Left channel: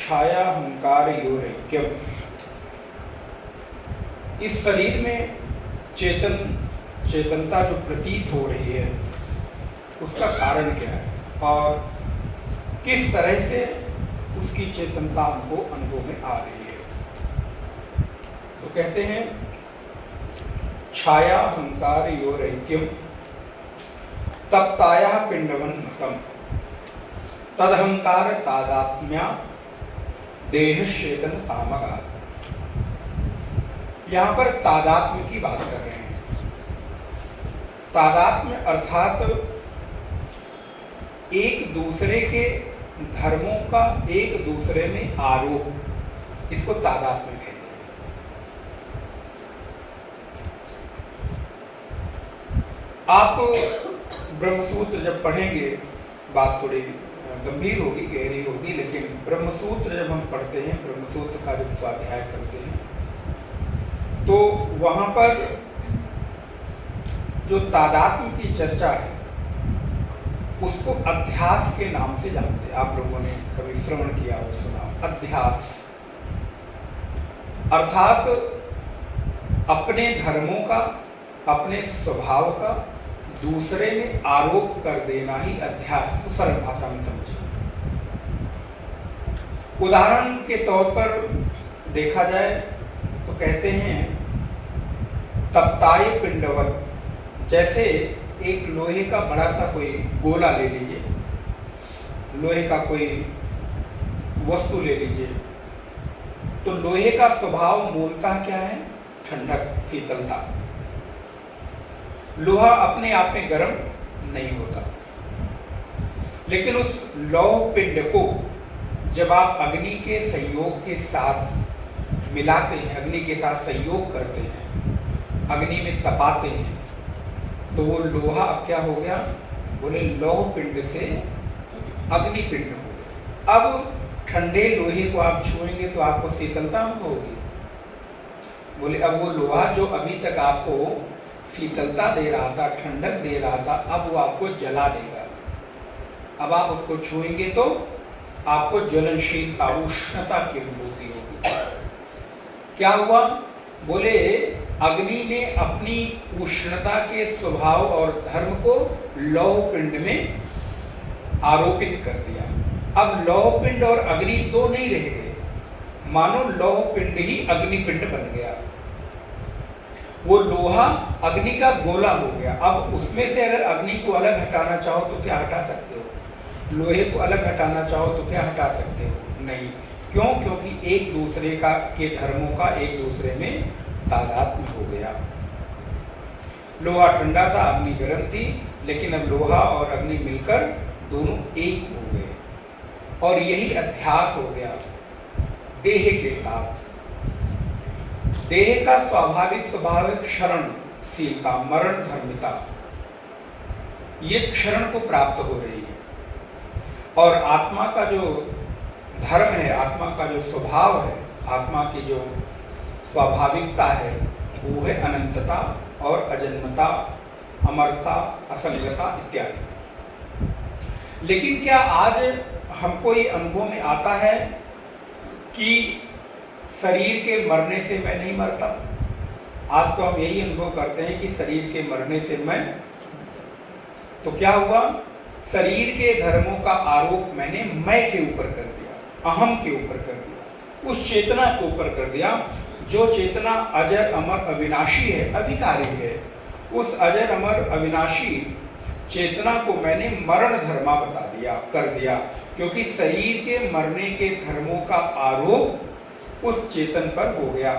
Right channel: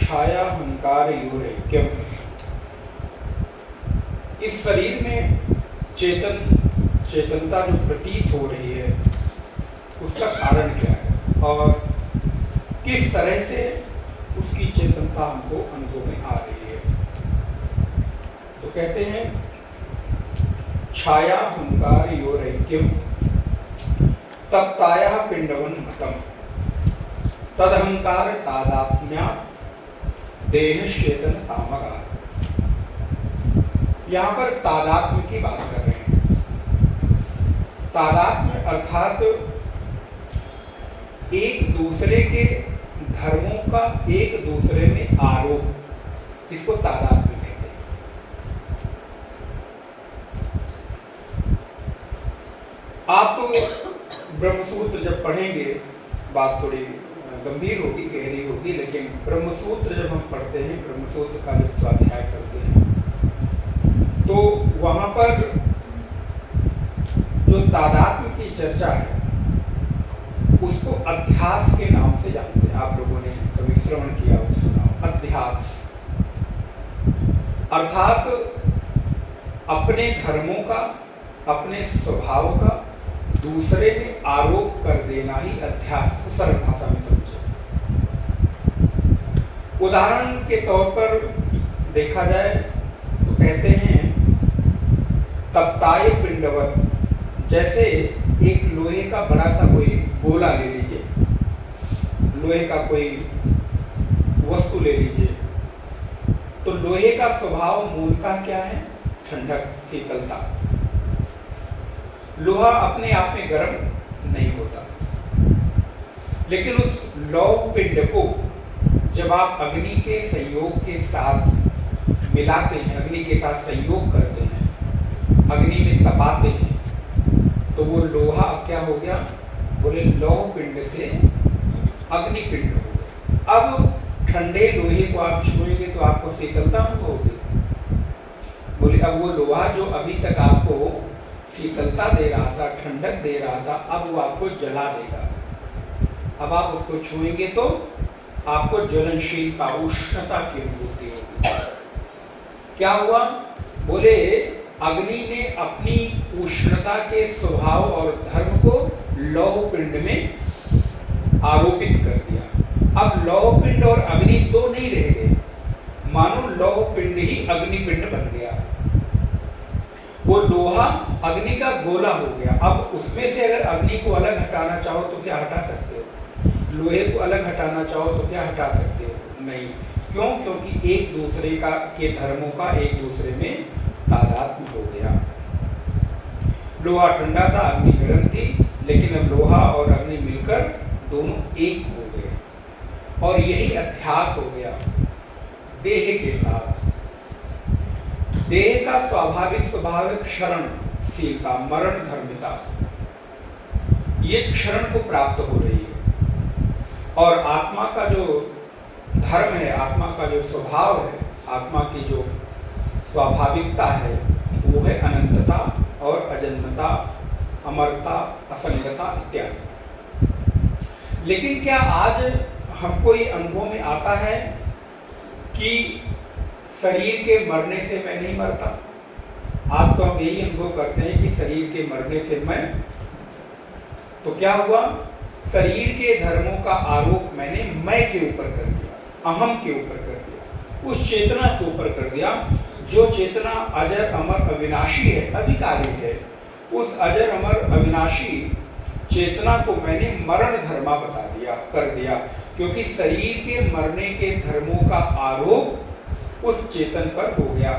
छाया हंकारयोरैक्यम। इस शरीर में चेतनता जो प्रतीत हो रही है उसका कारण क्या है और किस तरह से उसकी चेतनता हमको अनुभव में आ रही है। तो कहते हैं छाया हंकारयोरैक्यम तप्ताया पिंडवन्मतम तदहंकार तादात्म्या देहश्चेतन तामगा। यहाँ पर तादात्म्य की बात कर रहे हैं। तादात्म्य अर्थात एक दूसरे के धर्मों का एक दूसरे में आरोप, इसको तादात्म्य कहते हैं। आप ब्रह्मसूत्र जब पढ़ेंगे, बात थोड़ी गंभीर होगी, गहरी होगी, लेकिन ब्रह्मसूत्र जब हम पढ़ते हैं, ब्रह्मसूत्र का जब स्वाध्याय करते हैं, तो वहां पर जो तादात्म्य की चर्चा है उसको अध्यास के नाम से जानते हैं। आप लोगों ने कभी श्रवण किया हो, सुना। अध्यास अर्थात अपने धर्मों का, अपने स्वभाव का दूसरे में आरोप कर देना ही अध्यास, सरल भाषा में समझे। उदाहरण के तौर पर देखा जाए तो कहते हैं तप्ताय पिंडवत, जैसे एक लोहे का बड़ा सा कोई गोला ले लीजिए, लोहे का कोई वस्तु ले लीजिए, तो लोहे का स्वभाव मूलतः क्या है? ठंडक, शीतलता। लोहा अपने आप में गर्म नहीं होता, लेकिन उस लौह पिंड को जब आप अग्नि के संयोग के साथ मिलाते हैं, अग्नि के साथ संयोग करते हैं, अग्नि में तपाते हैं, तो वो लोहा अब क्या हो गया? बोले लौह पिंड से अग्नि पिंड हो गया। अब ठंडे लोहे को आप छुएंगे तो आपको शीतलता अनुभव होगी। बोले अब वो लोहा जो अभी तक आपको शीतलता दे रहा था, ठंडक दे रहा था, अब वो आपको जला देगा। अब आप उसको छुएंगे तो आपको ज्वलनशीलता, उष्णता की अनुभूति होगी। क्या हुआ? बोले अग्नि ने अपनी उष्णता के स्वभाव और धर्म को लौह पिंड में आरोपित कर दिया। अब लौह पिंड और अग्नि दो नहीं रह गए, मानो लौह पिंड ही अग्नि पिंड बन गया। वो लोहा अग्नि का गोला हो गया। अब उसमें से अगर अग्नि को अलग हटाना चाहो तो क्या हटा सकते हो? लोहे को अलग हटाना चाहो तो क्या हटा सकते हो? नहीं। क्यों? क्योंकि एक दूसरे का के धर्मों का एक दूसरे में तादात्म्य हो गया। लोहा ठंडा था, अग्नि गर्म थी, लेकिन अब लोहा और अग्नि मिलकर दोनों एक हो गए। और यही अध्यास हो गया देह के साथ। देह का स्वाभाविक स्वभाव है क्षरणशीलता, मरण धर्मिता। ये क्षरण को प्राप्त हो रही है। और आत्मा का जो धर्म है, आत्मा का जो स्वभाव है, आत्मा की जो स्वाभाविकता है, वो है अनंतता और अजन्मता, अमरता, असंगता इत्यादि। लेकिन क्या आज हमको ये अनुभव में आता है कि शरीर के मरने से मैं नहीं मरता? आज तो हम यही अनुभव करते हैं कि शरीर के मरने से तो क्या हुआ? शरीर के धर्मों का आरोप मैंने मैं के ऊपर कर दिया, अहम के ऊपर कर दिया, उस चेतना के ऊपर कर दिया जो चेतना अजर अमर अविनाशी है, अविकारी है। उस अजर अमर अविनाशी चेतना को मैंने मरण धर्मा बता दिया, कर दिया, क्योंकि शरीर के मरने के धर्मों का आरोप उस चेतन पर हो गया।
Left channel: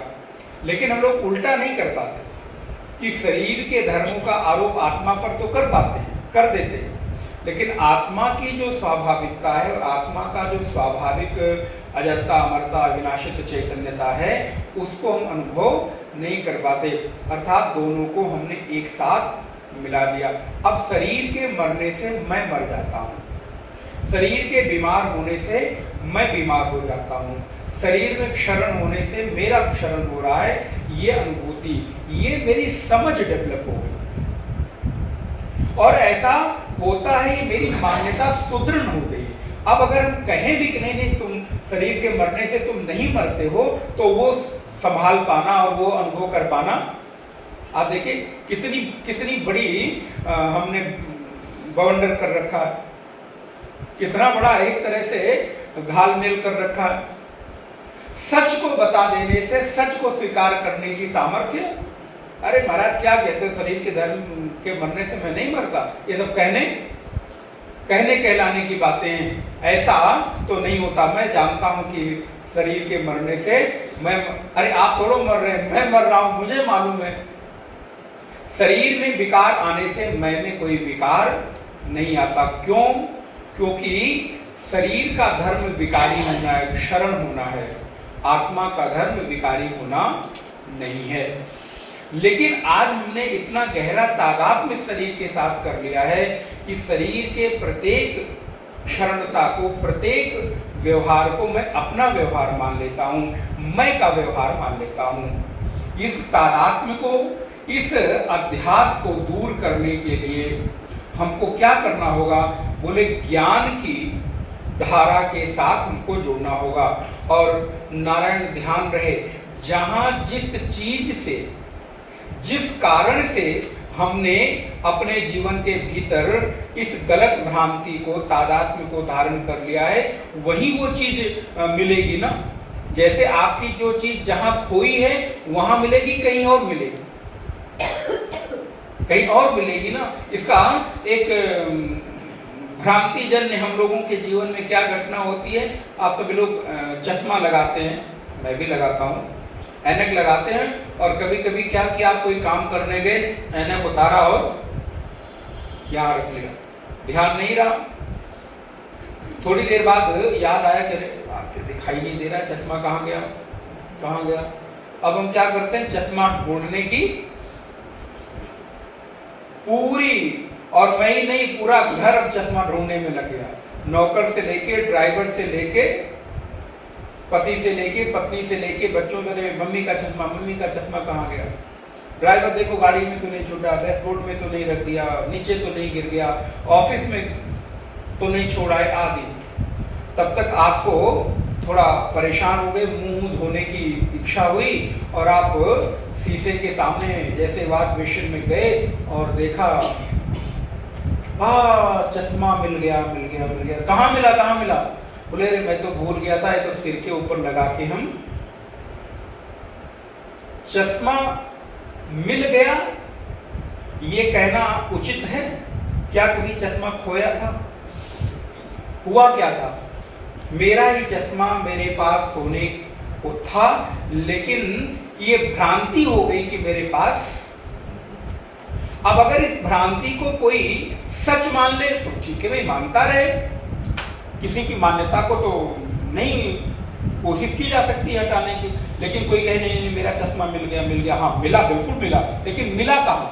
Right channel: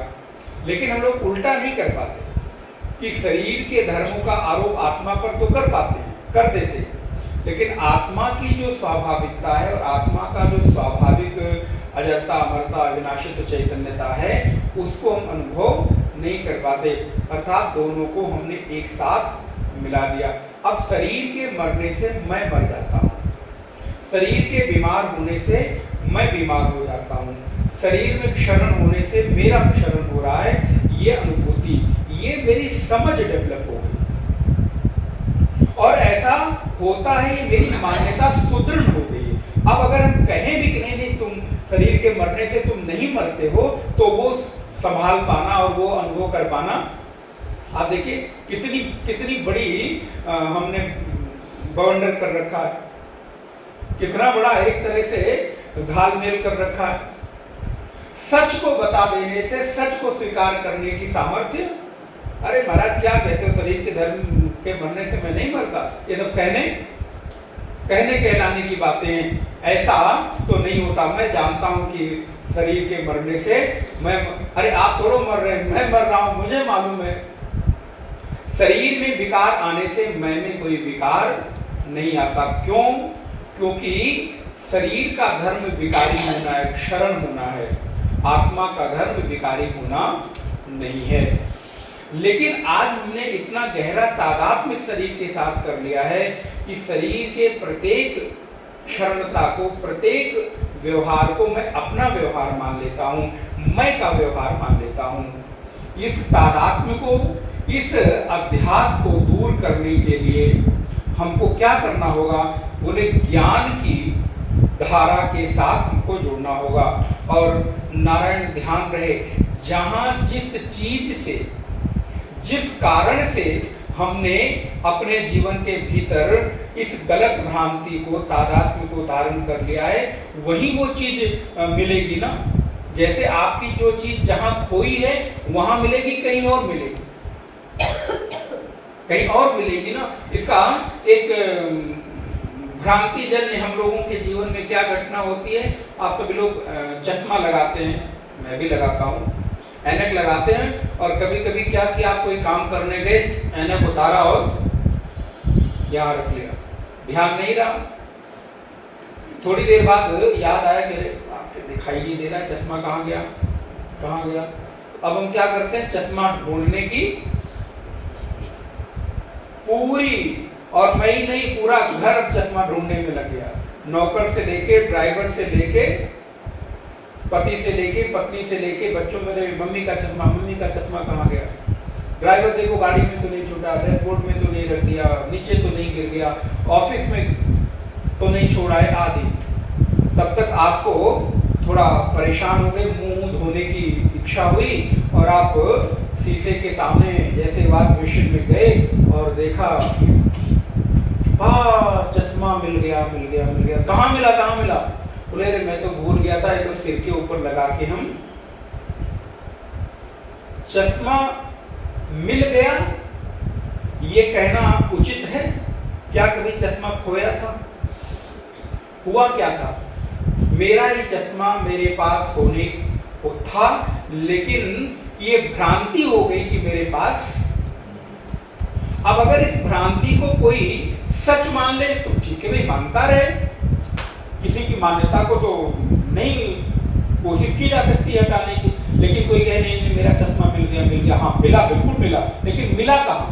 लेकिन हम लोग उल्टा नहीं कर पाते कि शरीर के धर्मों का आरोप आत्मा पर तो कर पाते हैं, कर देते हैं, लेकिन आत्मा की जो स्वाभाविकता है और आत्मा का जो स्वाभाविक अजरता, अमरता, अविनाशित चैतन्यता है, उसको हम अनुभव नहीं कर पाते। अर्थात दोनों को हमने एक साथ मिला दिया। अब शरीर के मरने से मैं मर जाता हूँ, शरीर के बीमार होने से मैं बीमार हो जाता हूँ, शरीर में क्षरण होने से मेरा क्षरण हो रहा है। ये अनुभूति, ये मेरी समझ डेवलप हो गई और ऐसा होता है, ये मेरी मान्यता सुदृढ़ हो गई। अब अगर हम कहें भी कि नहीं तुम शरीर के मरने से तुम नहीं मरते हो, तो वो संभाल पाना और वो अनुभव कर पाना, आप देखिए कितनी कितनी बड़ी हमने बवंडर कर रखा है, कितना बड़ा एक तरह से घालमेल कर रखा है। सच को बता देने से सच को स्वीकार करने की सामर्थ्य। अरे महाराज क्या कहते हो, शरीर के धर्म के मरने से मैं नहीं मरता, ये सब कहने कहलाने की बातें, ऐसा तो नहीं होता। मैं जानता हूं कि शरीर के मरने से मैं, अरे आप थोड़ो मर रहे हैं, मैं मर रहा हूं, मुझे मालूम है। शरीर में विकार आने से मैं में कोई विकार नहीं आता। क्यों? क्योंकि शरीर का धर्म विकारी होना है, क्षरण होना है, आत्मा का धर्म विकारी होना नहीं है। लेकिन आज हमने इतना गहरा तादात्म्य शरीर के साथ कर लिया है कि शरीर के प्रत्येक क्षरणता को, प्रत्येक व्यवहार को मैं अपना व्यवहार मान लेता हूं, मैं का व्यवहार मान लेता हूं। इस तादात्म्य को, इस अध्यास को दूर करने के लिए हमको क्या करना होगा? बोले ज्ञान की धारा के साथ हमको जुड़ना होगा। और नारायण ध्यान रहे, जहां जिस चीज से, जिस कारण से हमने अपने जीवन के भीतर इस गलत भ्रांति को, तादात्म्य को धारण कर लिया है, वहीं वो चीज मिलेगी ना। जैसे आपकी जो चीज जहां खोई है वहां मिलेगी, कहीं और मिलेगी, कहीं और मिलेगी ना। इसका एक भ्रांति जन्य हम लोगों के जीवन में क्या घटना होती है? आप सभी लोग चश्मा लगाते हैं, मैं भी लगाता हूँ, ऐनक लगाते हैं, और कभी कभी क्या कि आप कोई काम करने गए, ऐनक उतारा और यहाँ रख लिया, ध्यान नहीं रहा। थोड़ी देर बाद याद आया कि आपसे दिखाई नहीं दे रहा, चश्मा कहाँ गया, कहाँ गया। अब हम क्या करते हैं? चश्मा ढूंढने की पूरी, और मैं ही नहीं, पूरा घर अब चश्मा ढूंढने में लग गया। नौकर से लेके, ड्राइवर से लेके, पति से लेके, पत्नी से लेके, बच्चों से, मम्मी का चश्मा कहाँ गया? ड्राइवर देखो गाड़ी में तो नहीं छूटा, डैशबोर्ड में तो नहीं रख दिया, नीचे तो नहीं गिर गया, ऑफिस में तो नहीं छोड़ा है, आदि। तब तक आपको थोड़ा परेशान हो गए, मुंह धोने की इच्छा हुई, और आप शीशे के सामने जैसे वाश बेसिन में गए और देखा, वाह चश्मा मिल गया, मिल गया, मिल गया। कहाँ मिला, कहाँ मिला? बोले अरे मैं तो भूल गया था, ये तो सिर के ऊपर लगा के हम, चश्मा मिल गया, ये कहना उचित है क्या? कभी चश्मा खोया था? हुआ क्या था? मेरा ही चश्मा मेरे पास होने को था, लेकिन ये भ्रांति हो गई कि मेरे पास। अब अगर इस भ्रांति को कोई सच मान ले तो ठीक है भाई, मानता रहे, किसी की मान्यता को तो नहीं कोशिश की जा सकती है हटाने की। लेकिन कोई कहे नहीं मेरा चश्मा मिल गया, मिल गया, हाँ मिला, बिल्कुल मिला, लेकिन मिला कहाँ?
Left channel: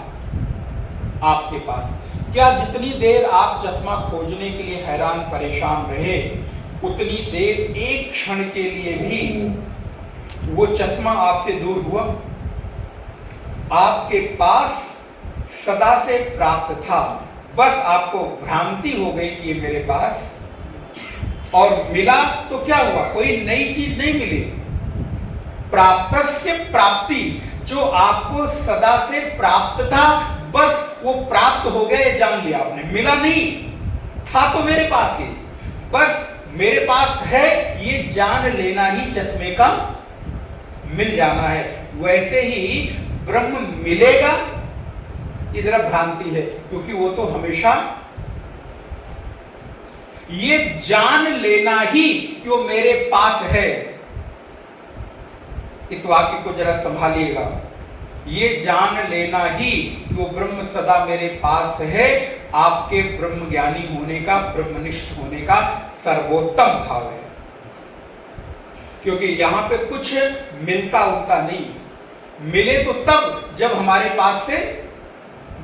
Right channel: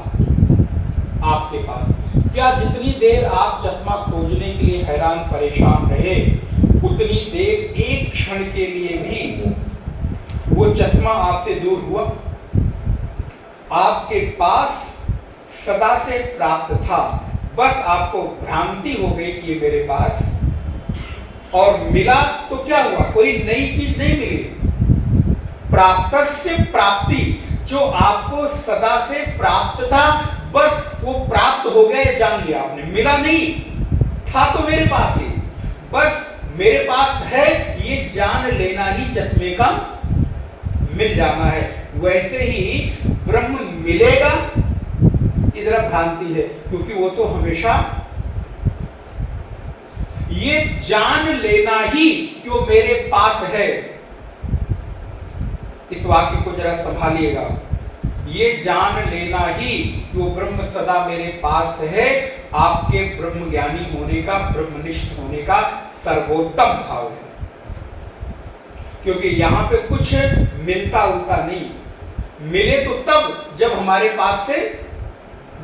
आपके पास। क्या जितनी देर आप चश्मा खोजने के लिए हैरान परेशान रहे, उतनी देर एक क्षण के लिए भी वो चश्मा आपसे दूर हुआ? आपके पास सदा से प्राप्त था, बस आपको भ्रांति हो गई कि ये मेरे पास, और मिला तो क्या हुआ? कोई नई चीज नहीं मिली। प्राप्तस्य प्राप्ति, जो आपको सदा से प्राप्त था, बस वो प्राप्त हो गए, जान लिया आपने। मिला नहीं था तो मेरे पास ही, बस मेरे पास है, ये जान लेना ही चश्मे का मिल जाना है। वैसे ही ब्रह्म मिलेगा, ये जरा भ्रांति है, क्योंकि वो तो हमेशा, ये जान लेना ही कि वो मेरे पास है। इस वाक्य को जरा संभालिएगा, ये जान लेना ही कि वो ब्रह्म सदा मेरे पास है, आपके ब्रह्म ज्ञानी होने का, ब्रह्मनिष्ठ होने का सर्वोत्तम भाव है। क्योंकि यहां पे कुछ मिलता उलता नहीं, मिले तो तब जब हमारे पास से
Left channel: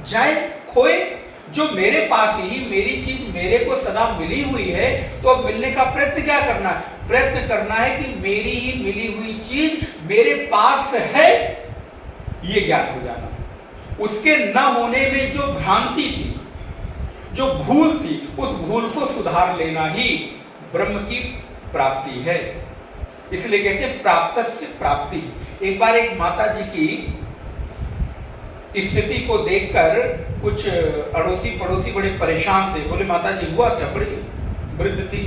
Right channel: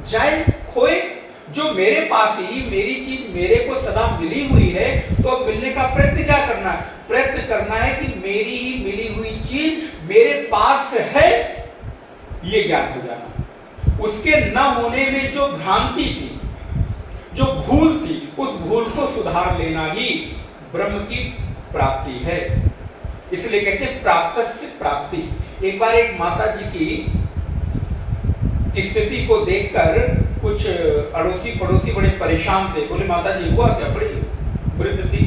जाए, खोए। जो मेरे पास ही मेरी चीज मेरे को सदा मिली हुई है, तो अब मिलने का प्रयत्न क्या करना है? प्रयत्न करना है कि मेरी ही मिली हुई चीज मेरे पास है, ये ज्ञान हो जाना। उसके न होने में जो भ्रांति थी, जो भूल थी, उस भूल को सुधार लेना ही ब्रह्म की प्राप्ति है। इसलिए कहते हैं प्राप्तस्य प्राप्ति। एक बार एक माता जी की स्थिति को देखकर कुछ अड़ोसी पड़ोसी बड़े परेशान थे। बोले माता जी हुआ क्या? बड़ी वृद्ध थी,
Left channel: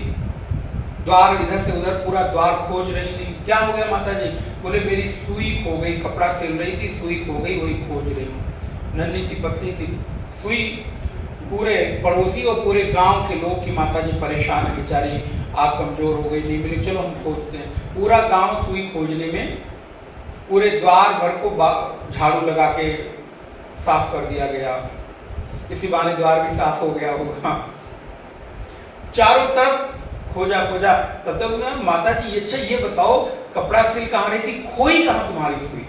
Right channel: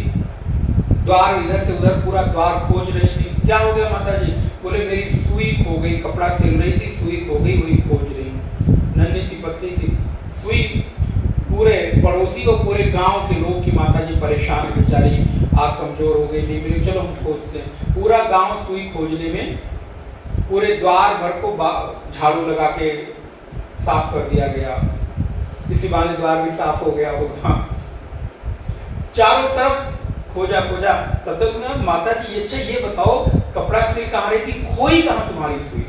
द्वार इधर से उधर पूरा द्वार खोज रही थी। क्या हो गया माता जी? बोले मेरी सुई खो गई, कपड़ा सिल रही थी, सुई खो गई, वही खोज रही। नन्ही सी पतली सी सुई। पूरे पड़ोसी और पूरे गांव के लोग की माता जी परेशान बेचारी, आप कमजोर हो गई, नहीं मिली, चलो हम खोजते हैं। पूरा गांव सुई खोजने में पूरे द्वार भर को झाड़ू लगा के साफ कर दिया गया। इसी बहाने द्वार भी साफ हो गया होगा। चारों तरफ खोजा खोजा, तब तक मैं माता जी अच्छा ये बताओ कपड़ा सिल कहाँ रही थी, खोई कहाँ तुम्हारी सुई?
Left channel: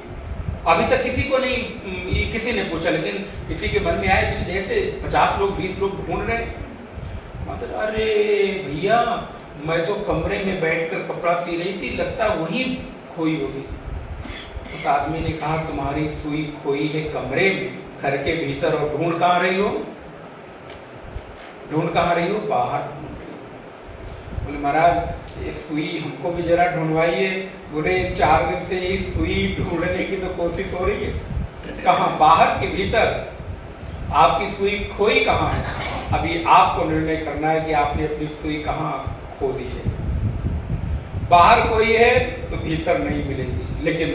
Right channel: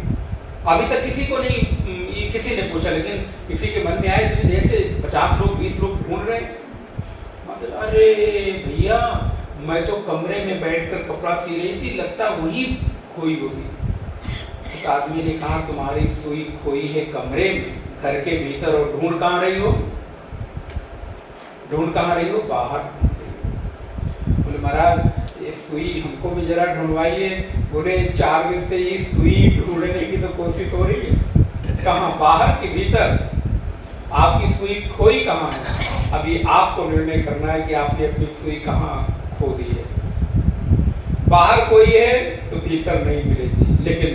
अभी तक किसी को नहीं, किसी ने पूछा, लेकिन किसी के मन में आया इतनी देर से 50 लोग 20 लोग ढूंढ रहे। मतलब अरे भैया मैं तो कमरे में बैठकर कपड़ा सी रही थी, लगता वहीं खोई होगी। उस आदमी ने कहा तुम्हारी सुई खोई है कमरे में, घर के भीतर, और ढूंढ कहाँ रही हो? ढूंढ कहाँ रही हो? बाहर। बोले महाराज ये सुई हमको भी जरा ढूंढवाइए। बोले 4 दिन से ये सुई ढूंढने की तो कोशिश हो रही है। कहाँ? बाहर के भीतर। आपकी सुई खोई कहाँ है? अभी आपको निर्णय करना है कि आपने अपनी सुई कहाँ खो दी है। बाहर खोई है तो भीतर नहीं मिलेगी। लेकिन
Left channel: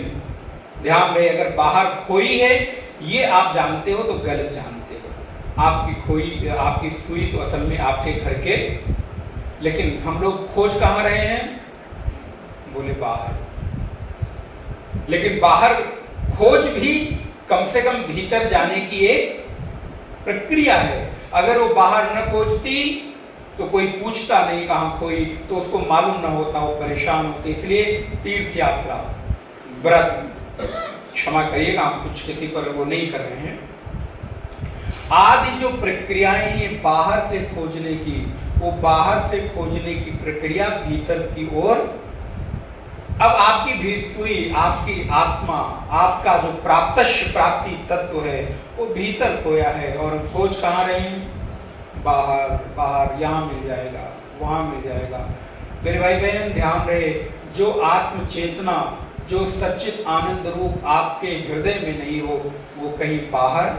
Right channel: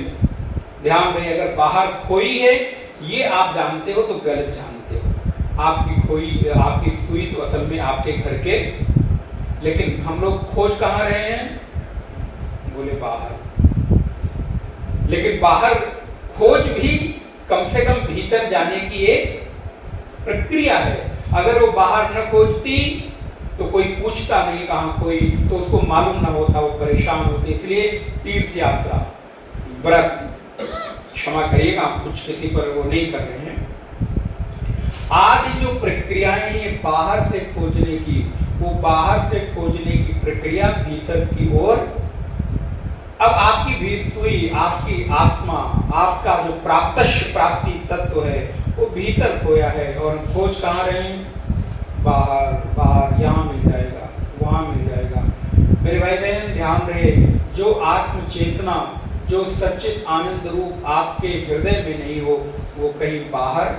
ध्यान रहे अगर बाहर खोई है ये आप जानते हो तो गलत जानते हो। आपकी खोई, आपकी सुई तो असल में आपके घर के, लेकिन हम लोग खोज कहाँ रहे हैं? बोले बाहर। लेकिन बाहर खोज भी कम से कम भीतर जाने की एक प्रक्रिया है। अगर वो बाहर न खोजती तो कोई पूछता नहीं कहाँ खोई, तो उसको मालूम ना होता, वो परेशान होते। इसलिए तीर्थ यात्रा, व्रत, क्षमा करिएगा हम कुछ किसी पर वो नहीं कर रहे हैं, आदि जो प्रक्रियाएं हैं बाहर से खोजने की, वो बाहर से खोजने की प्रक्रिया भीतर की ओर। अब आपकी भी सुई, आपकी आत्मा, आपका जो प्राप्ति तत्व है वो भीतर खोया है, और खोज कहाँ रहे हैं? बाहर। बाहर यहाँ मिल जाएगा, वहाँ मिल जाएगा। मेरे भाई बहन ध्यान रहे, जो आत्म चेतना, जो सच्चित आनंद रूप आपके हृदय में नहीं हो वो कहीं बाहर।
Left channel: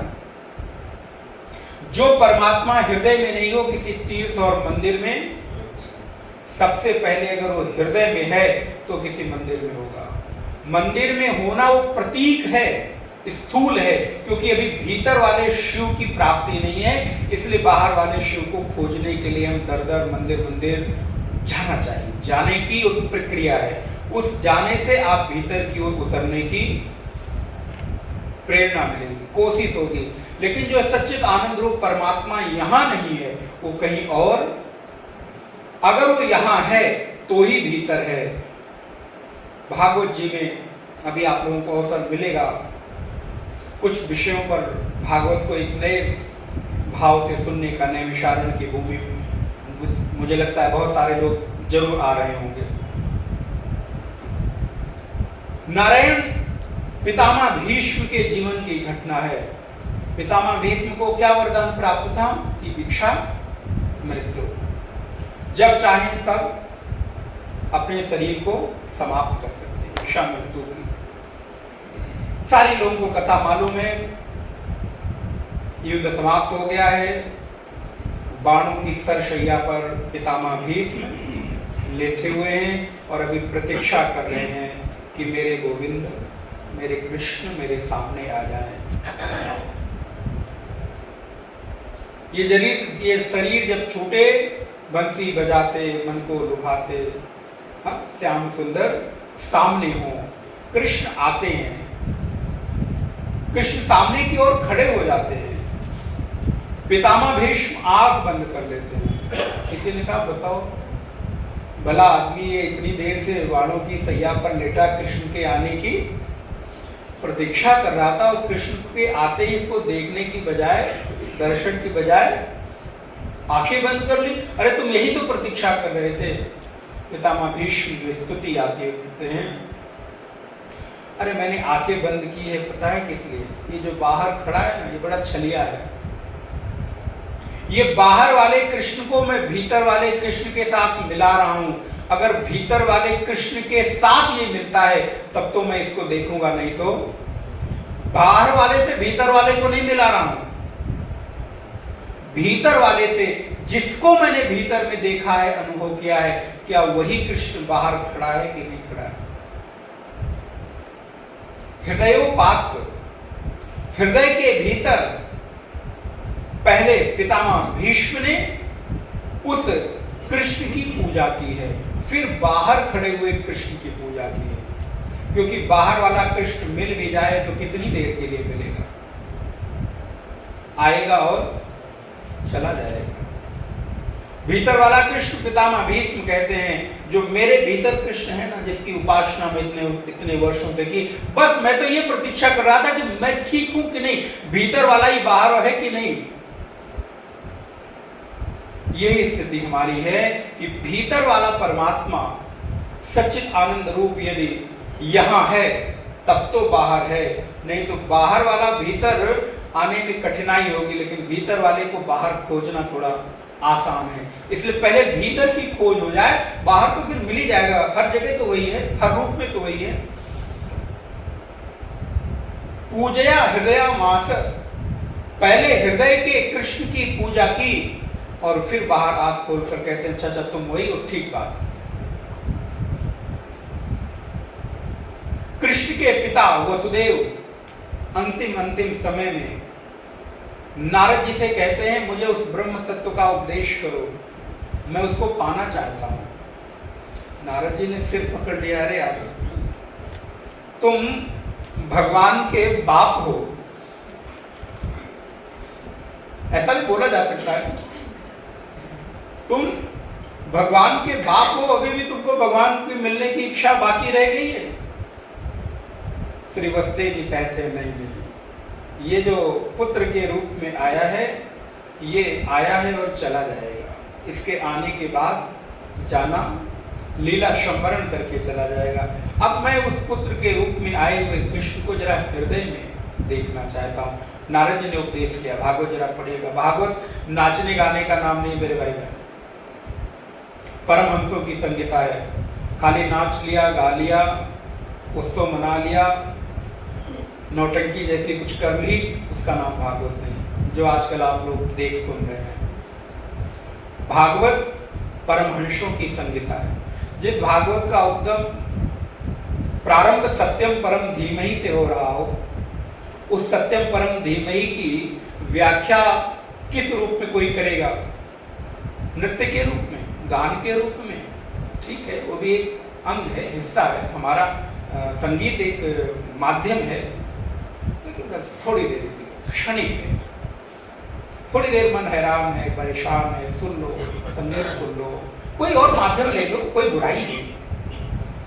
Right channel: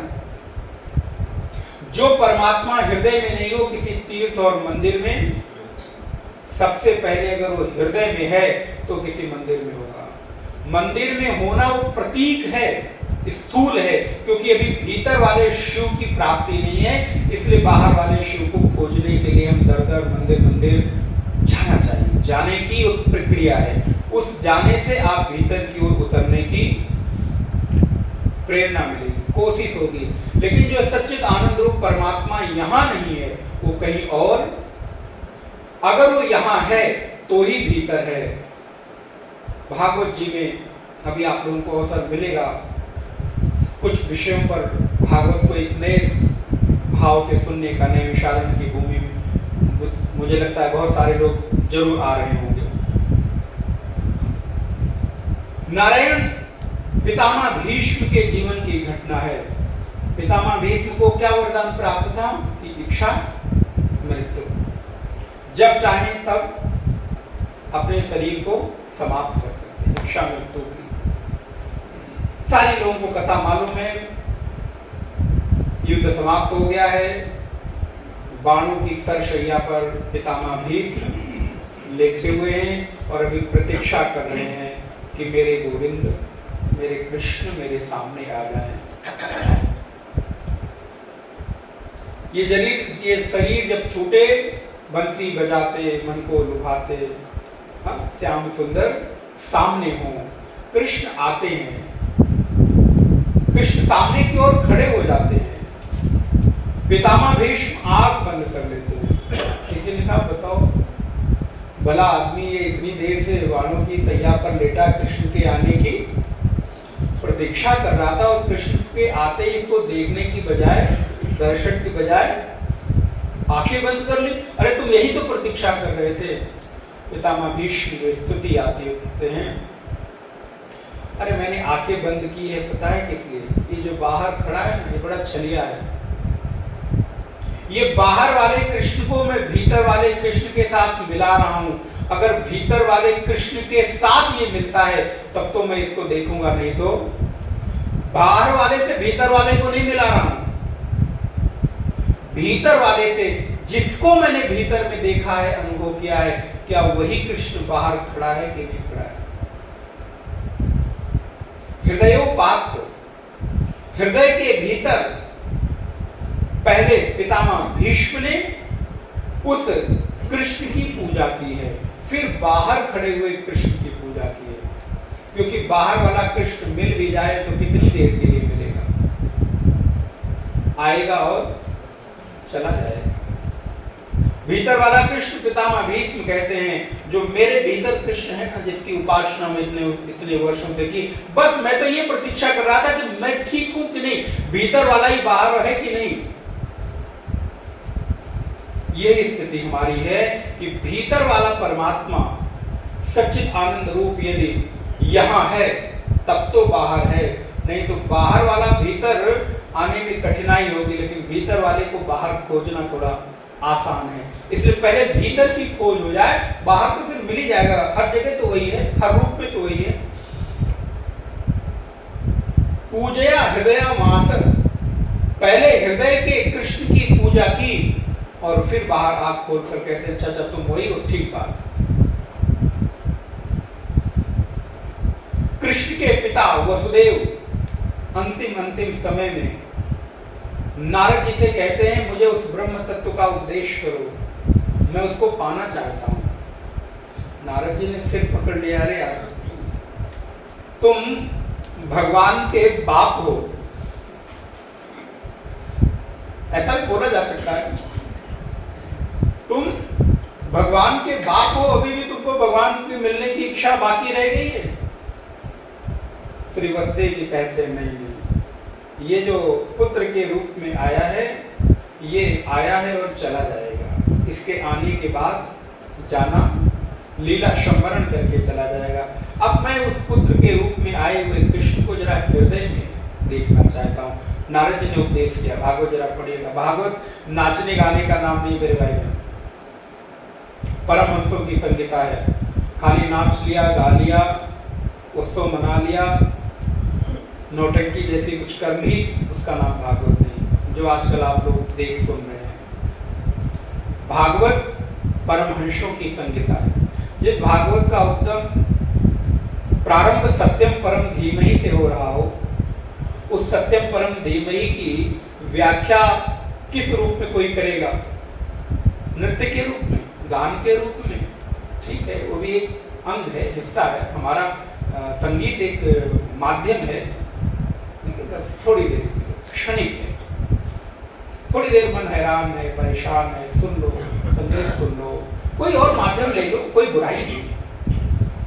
जो परमात्मा हृदय में नहीं हो किसी तीर्थ और मंदिर में, सबसे पहले अगर वो हृदय में है तो किसी मंदिर में होगा। मंदिर में होना वो प्रतीक है, स्थूल है, क्योंकि अभी भीतर वाले शिव की प्राप्ति नहीं है। इसलिए बाहर वाले शिव को खोजने के लिए हम दर दर मंदिर मंदिर जाना चाहिए। जाने की एक प्रक्रिया है, उस जाने से आप भीतर की ओर उतरने की प्रेरणा मिलेगी, कोशिश होगी। लेकिन जो सच्चित आनंद रूप परमात्मा यहाँ नहीं है, वो कहीं और। अगर वो यहाँ है तो ही भीतर है। भागवत जी में अभी आप लोगों को अवसर मिलेगा कुछ विषयों पर भागवत को एक नए भाव से सुनने का, नए विचारण की भूमि में। मुझे लगता है बहुत सारे लोग जरूर आ रहे होंगे। नारायण पितामह भीष्म के जीवन की घटना है। पितामह भीष्म को क्या वरदान प्राप्त था कि भिक्षा मृत्यु, जब चाहें तब अपने शरीर को समाप्त कर सकते हैं। भिक्षा मृत्यु की सारी लोगों को कथा मालूम है। युद्ध समाप्त हो गया है, बाणों की सरशैया पर पितामह भीष्म लेटे हुए हैं और अभी प्रतीक्षा कर रहे हैं कि मेरे गोविंद, मेरे कृष्ण मेरे सामने आ जाए। ये शरीर जब छूटे, बंसी बजाते मन को लुभाते, श्याम सुंदर सामने हो, कृष्ण आते हैं, कृष्ण सामने की ओर खड़े हो जाते हैं। पितामह भीष्म आंख बंद कर लेते हैं। किसी ने कहा बताओ भला आदमी ये इतनी देर से वालों की सैया पर लेटा कृष्ण के आने की प्रतीक्षा कर रहा था, और कृष्ण के आते ही इसको देखने की बजाय, दर्शन की बजाय आंखें बंद कर ली। अरे तुम यही तो प्रतीक्षा कर रहे थे। पितामह भीष्म की स्तुति आती है, कहते हैं अरे मैंने आंखें बंद की है पता है किस लिए? ये जो बाहर खड़ा है ना, ये बड़ा छलिया है। ये बाहर वाले कृष्ण को मैं भीतर वाले कृष्ण के साथ मिला रहा हूं, अगर भीतर वाले कृष्ण के साथ ये मिलता है तब तो मैं इसको देखूंगा, नहीं तो बाहर वाले से भीतर वाले को नहीं मिला रहा हूं। भीतर वाले से जिसको मैंने भीतर में देखा है, अनुभव किया है, क्या वही कृष्ण बाहर खड़ा है कि नहीं खड़ा है? हृदयोपात्त, हृदय के भीतर पहले पितामह भीष्म ने उस कृष्ण की पूजा की है, फिर बाहर खड़े हुए कृष्ण की पूजा की है। क्योंकि बाहर वाला कृष्ण मिल भी जाए तो कितनी देर के लिए मिलेगा, आएगा और चला जाएगा। भीतर वाला कृष्ण पितामह भीष्म कहते हैं, जो मेरे भीतर कृष्ण है ना, जिसकी उपासना में इतने वर्षों से की, बस मैं तो ये प्रतीक्षा कर रहा था कि मैं ठीक हूं कि नहीं, भीतर वाला ही बाहर है कि नहीं। यही स्थिति हमारी है कि भीतर वाला परमात्मा सच्चित आनंद रूप यदि यहां है तब तो बाहर है, नहीं तो बाहर वाला भीतर आने में कठिनाई होगी, लेकिन भीतर वाले को बाहर खोजना थोड़ा आसान है। इसलिए पहले भीतर की खोज हो जाए, बाहर तो फिर मिल ही जाएगा। हर जगह तो वही है, हर रूप में तो वही है। पूजया हृदय मास, पहले हृदय के कृष्ण की पूजा की और फिर बाहर आंख खोलकर कहते हैं चाचा तुम वही हो, ठीक बात। कृष्ण के पिता वसुदेव अंतिम समय में नारद जी से कहते हैं मुझे उस ब्रह्म तत्व का उपदेश करो, मैं उसको पाना चाहता हूं। नारद जी ने सिर पकड़ लिया, अरे यार तुम भगवान के बाप हो, ऐसा भी बोला जा सकता है। तुम भगवान के बाप हो, अभी भी तुमको भगवान के मिलने की इच्छा बाकी रह गई है। श्री वसुदेव जी कहते हैं नहीं, ये जो पुत्र के रूप में आया है, ये आया है और चला जाएगा। इसके आने के बाद जाना, लीला संवरण करके चला जाएगा। अब मैं उस पुत्र के रूप में आए हुए कृष्ण को जरा हृदय में देखना चाहता हूँ। नारद जी ने उपदेश किया, भागवत जरा पढ़िएगा। भागवत नाचने गाने का नाम नहीं मेरे भाई बहन, परमहंसों की संगीता है। खाली नाच लिया, गा लिया, उत्सव मना लिया, नौटंकी जैसी कुछ कर ली, उसका नाम भागवत नहीं, जो आजकल आप लोग देख सुन रहे हैं। भागवत परमहंसों की संगीता है। जिस भागवत का उद्गम प्रारंभ सत्यम परम धीमहि से हो रहा हो, उस सत्यम परम धीमहि की व्याख्या किस रूप में कोई करेगा? नृत्य के रूप में, गान के रूप में, ठीक है, वो भी एक अंग है, हिस्सा है। हमारा संगीत एक माध्यम है, थोड़ी देर क्षणिक है, थोड़ी देर मन हैरान है, परेशान है, सुन लो, संगीत सुन लो, कोई और माध्यम ले लो, कोई बुराई नहीं है।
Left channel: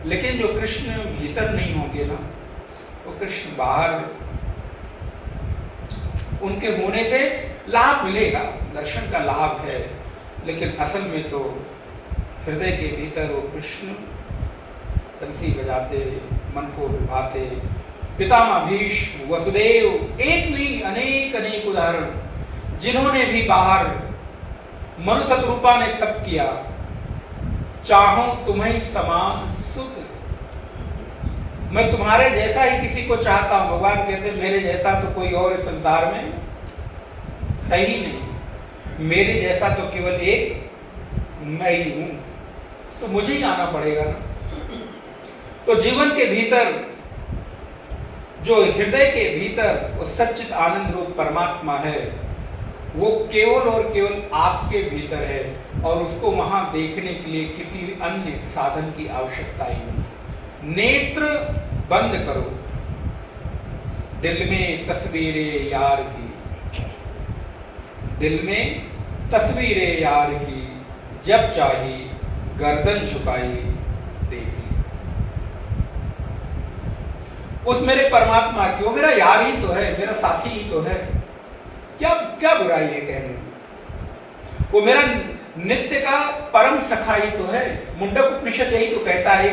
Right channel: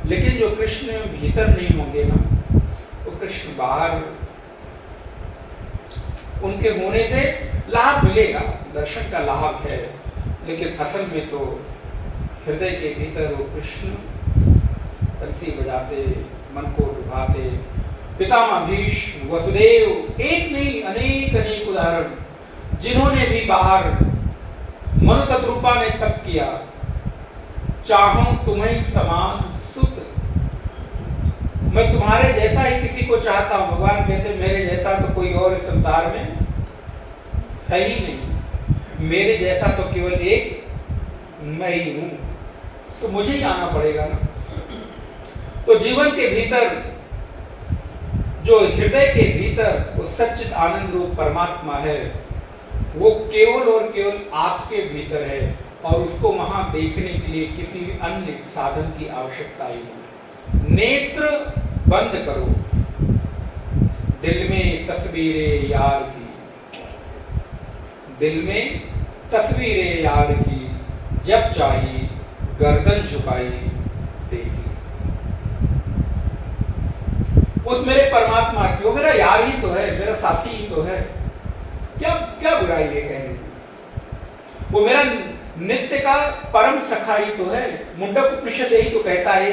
लेकिन जो कृष्ण भीतर नहीं होंगे ना, वो कृष्ण बाहर, उनके होने से लाभ मिलेगा, दर्शन का लाभ है, लेकिन असल में तो हृदय के भीतर वो कृष्ण बंसी बजाते, मन को लुभाते। पितामह भीष्म, वसुदेव, एक नहीं अनेक उदाहरण, जिन्होंने भी बाहर मनु शत्रुपा ने तप किया, चाहूं तुम्हें समान सुत, मैं तुम्हारे जैसा ही किसी को चाहता हूं। भगवान कहते मेरे जैसा तो कोई और इस संसार में है ही नहीं, मेरे जैसा तो केवल एक मैं ही हूं, तो मुझे ही आना पड़ेगा ना। तो जीवन के भीतर, जो हृदय के भीतर वो सच्चित आनंद रूप परमात्मा है, वो केवल और केवल आपके भीतर है, और उसको वहां देखने के लिए किसी भी अन्य साधन की आवश्यकता ही नहीं। नेत्र बंद करो, दिल में तस्वीरें यार की, दिल में तस्वीरें यार की, जब चाही गर्दन झुकाई देख ली। उस मेरे परमात्मा की, वो मेरा यार ही तो है, मेरा साथी ही तो है, क्या क्या बुराई है कहने में? वो मेरा नित्य का परम सखा ही तो है। मुंडक उपनिषद यही तो कहता है,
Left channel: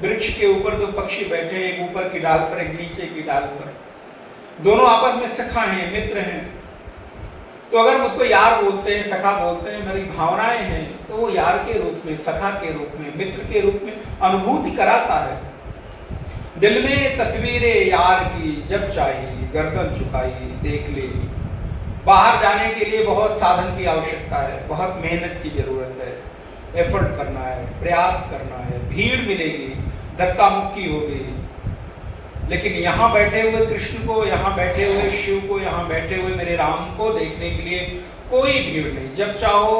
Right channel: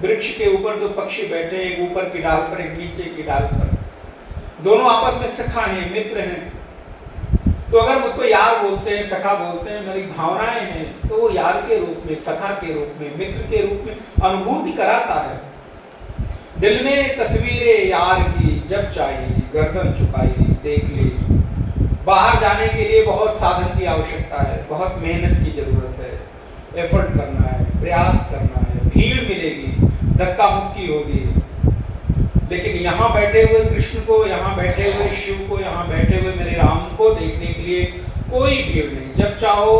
वृक्ष के ऊपर दो पक्षी बैठे, एक ऊपर की डाल पर, एक नीचे की डाल पर, दोनों आपस में सखा हैं, मित्र हैं। तो अगर मुझको यार बोलते हैं, सखा बोलते हैं, मेरी भावनाएं हैं, तो वो यार के रूप में, सखा के रूप में, मित्र के रूप में अनुभूति कराता है। दिल में तस्वीरें यार की जब चाहिए, गर्दन झुकाई देख ले। बाहर जाने के लिए बहुत साधन की आवश्यकता है, बहुत मेहनत की जरूरत है, एफर्ट करना है, प्रयास करना है, भीड़ मिलेगी, धक्का मुक्की होगी। लेकिन यहाँ बैठे हुए कृष्ण को, यहाँ बैठे हुए शिव को, यहाँ बैठे हुए मेरे राम को देखने के लिए कोई भीड़ नहीं। जब चाहो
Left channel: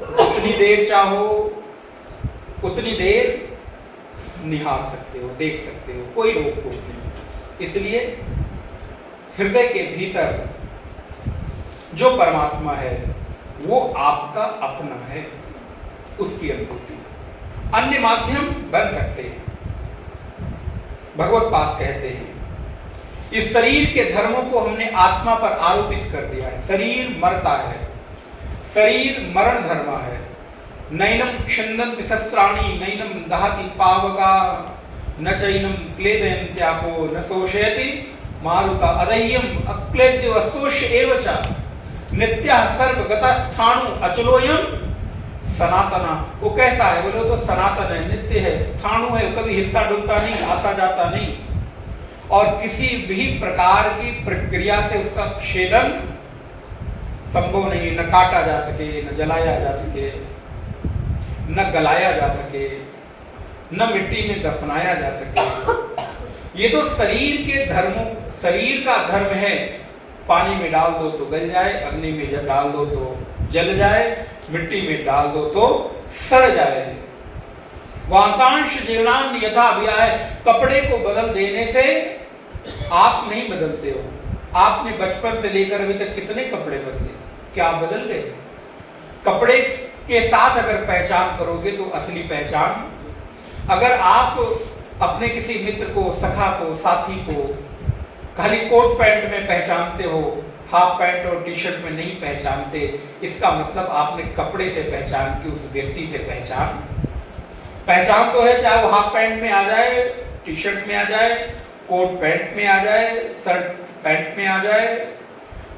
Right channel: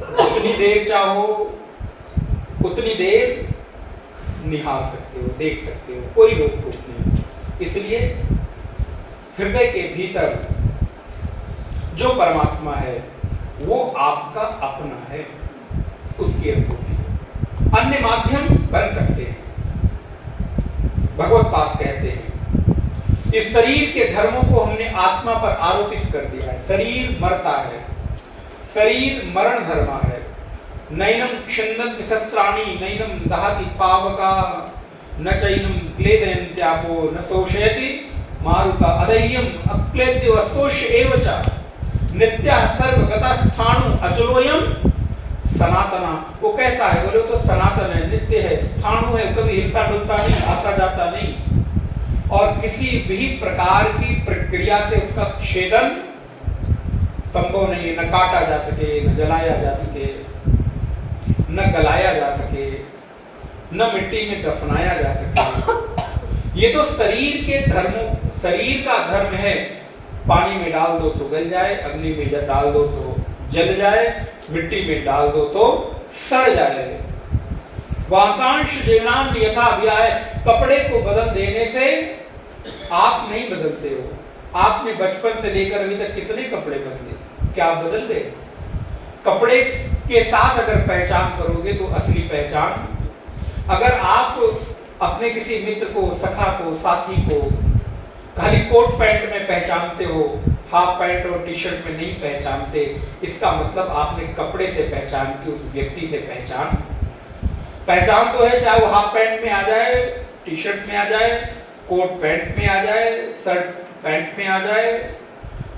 उतनी देर चाहो उतनी देर निहार सकते हो, देख सकते हो, कोई रोक टोक नहीं। इसलिए हृदय के भीतर जो परमात्मा है वो आपका अपना है, उसकी अनुभूति। अन्य माध्यम बन सकते हैं। भगवत पाद कहते हैं इस शरीर के धर्मों को हमने आत्मा पर आरोपित कर दिया है। शरीर मरता है, शरीर मरण धर्म है। नैनम क्षुण्णन्ति शस्त्राणि, नैनम दहति पावका, न चैनम क्लेदयन् त्यापो, न शोषयति मारुता, अदह्यम अक्लेद्य वस्तोष एव च, नित्यः सर्वगतः स्थाणु अचलोयम सनातना। वो कैसा है बोलो तो सनातन है, नित्य है, स्थाणु है, कभी हिलता डुलता नहीं, आता जाता नहीं, और किसी भी प्रकार की प्रक्रिया से उसका छेदन संभव नहीं है। न काटा जा सके, न जलाया जा सके, न गलाया जा सके, न मिट्टी में दफनाया जा सके। ये तो शरीर के धर्मों, शरीर का धर्म है। पानी में डाल दो तो गल जाए, अग्नि में जब डाल दो तो जल जाए, मिट्टी में डाल दो तो सड़ जाए। वांसांश जीवनान यथा अव्यय, कपड़े को बदल देने से आप नहीं बदलते हो। आपने बचपन से लेकर अभी तक कितने कपड़े बदले, क्या आप बदल गए? कपड़े के साथ अगर पहचान करोगे तो असली पहचान, अगर आप अपने किसी मित्र को, सखा को, साथी को खाली कोट पैंट में पहचानते हो, हाफ पैंट और टी शर्ट में नहीं पहचानते, इसका मतलब आपने कपड़े से पहचान की, उस व्यक्ति से पहचान तो है, चाहे वो हाफ पैंट में आ जाए, टी शर्ट में आ जाए, कोट पैंट में आ जाए, शर्ट पैंट में आ जाए,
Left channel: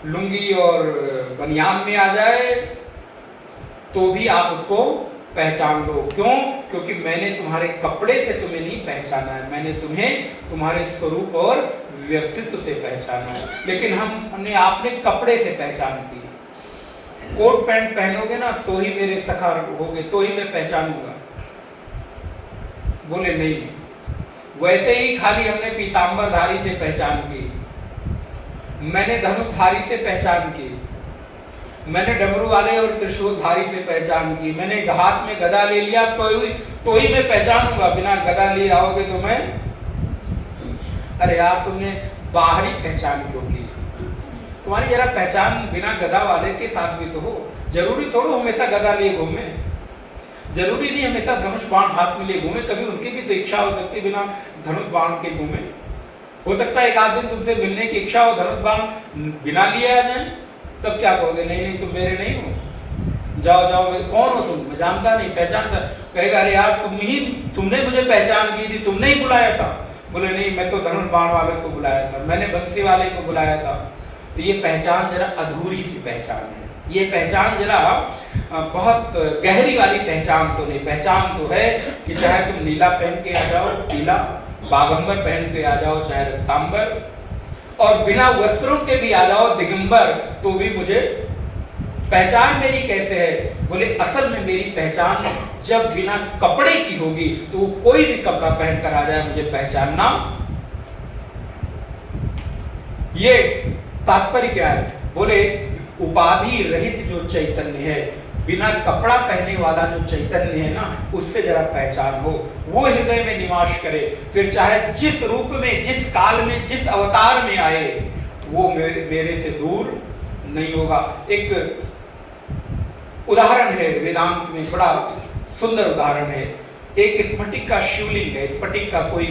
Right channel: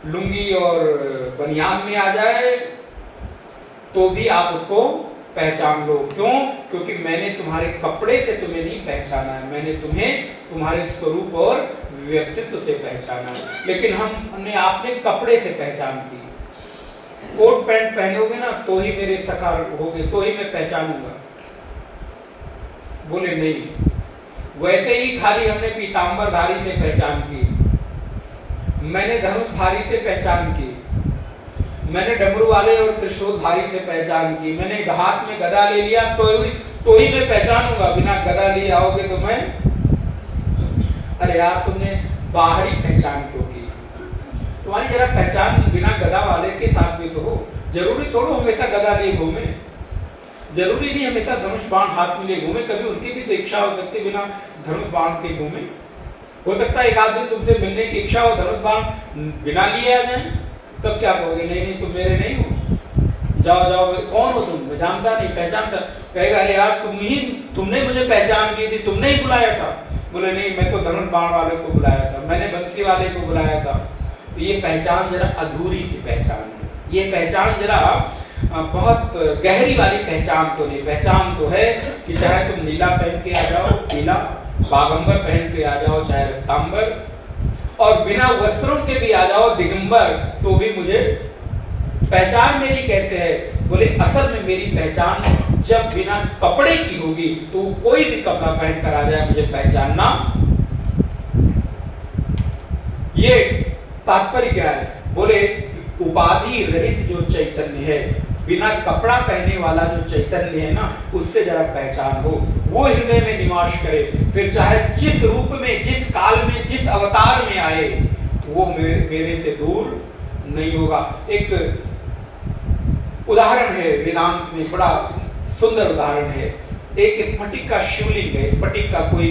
लुंगी और बनियान में आ जाए, तो भी आप उसको पहचान लो। क्यों? क्योंकि मैंने तुम्हारे कपड़े से तुम्हें नहीं पहचाना है, मैंने तुम्हें तुम्हारे स्वरूप और व्यक्तित्व से पहचाना। लेकिन हमने आपने कपड़े से पहचान की। कोट पैंट पहनोगे ना तो ही मेरे सखा होगे, तो ही मैं पहचानूंगा। बोले नहीं, वैसे ही खाली हमने पीतांबरधारी से पहचान की, मैंने धनुषधारी से पहचान की, मैंने डमरू वाले और त्रिशूलधारी से पहचान की, मैंने हाथ में गदा ले लिया तो ही मैं पहचानूंगा। बिना गदा लिए आओगे तो मैं, अरे यार तुमने बाहरी पहचान क्यों की? तुम्हारी जरा पहचान बिना गदा वाले के साथ भी तो हो। जरूरी थोड़ा हमेशा गदा लिए घूमे, जरूरी नहीं हमेशा धनुष बाण हाथ में ले घूमे। कभी उनकी भी तो इच्छा हो सकती है बिना धनुष बाण के घूमे। हो सकता है एक आध दिन तुमसे मिलने की इच्छा हो, धनुष बाण बिना लिए आ जाए, तब क्या कहोगे? नहीं नहीं तुम मेरे नहीं हो, जाओ जाओ। कौन हो तुम? मैं जानता नहीं, पहचानता। कहेगा अरे यार तुमने मुझे पहचान की थी, तुमने ही बुलाया था। बोले नहीं, मैं तो धनुष बाण वाले को बुलाया था, मैंने बंसी वाले को बुलाया था। तो ये पहचान जरा अधूरी सी पहचान है। ये पहचान जरा बहुत गहरी वाली पहचान तो नहीं। पहचान तो है कि चाहे तुम नीला पहन के आ जाओ, नीला बागंबर पहन के आ जाओ, चाहे रक्तांबर, और बिना वस्त्रों के भी आ जाओ, दिगंबर, तो भी मुझे पहचान मेरी कैसे है? बोले असल में मेरी पहचान जब बिना कपड़े की होगी तो कोई भी कपड़ा पहनकर आ जाए मुझे पहचानना। ये तात्पर्य क्या है? बोले उपाधि रहित जो चैतन्य है, बिना कपड़ा पहने वाला जो चैतन्य है ना, उससे जरा पहचान हो, वो हृदय में निवास करे। फिर चाहे जिस रूप में, जिस काल में, जिस अवतार में आए, वो मेरे से दूर नहीं होगा। एक उदाहरण है वेदांत में, बड़ा सुंदर उदाहरण है। एक स्फटिक का शिवलिंग है, स्फटिक का कोई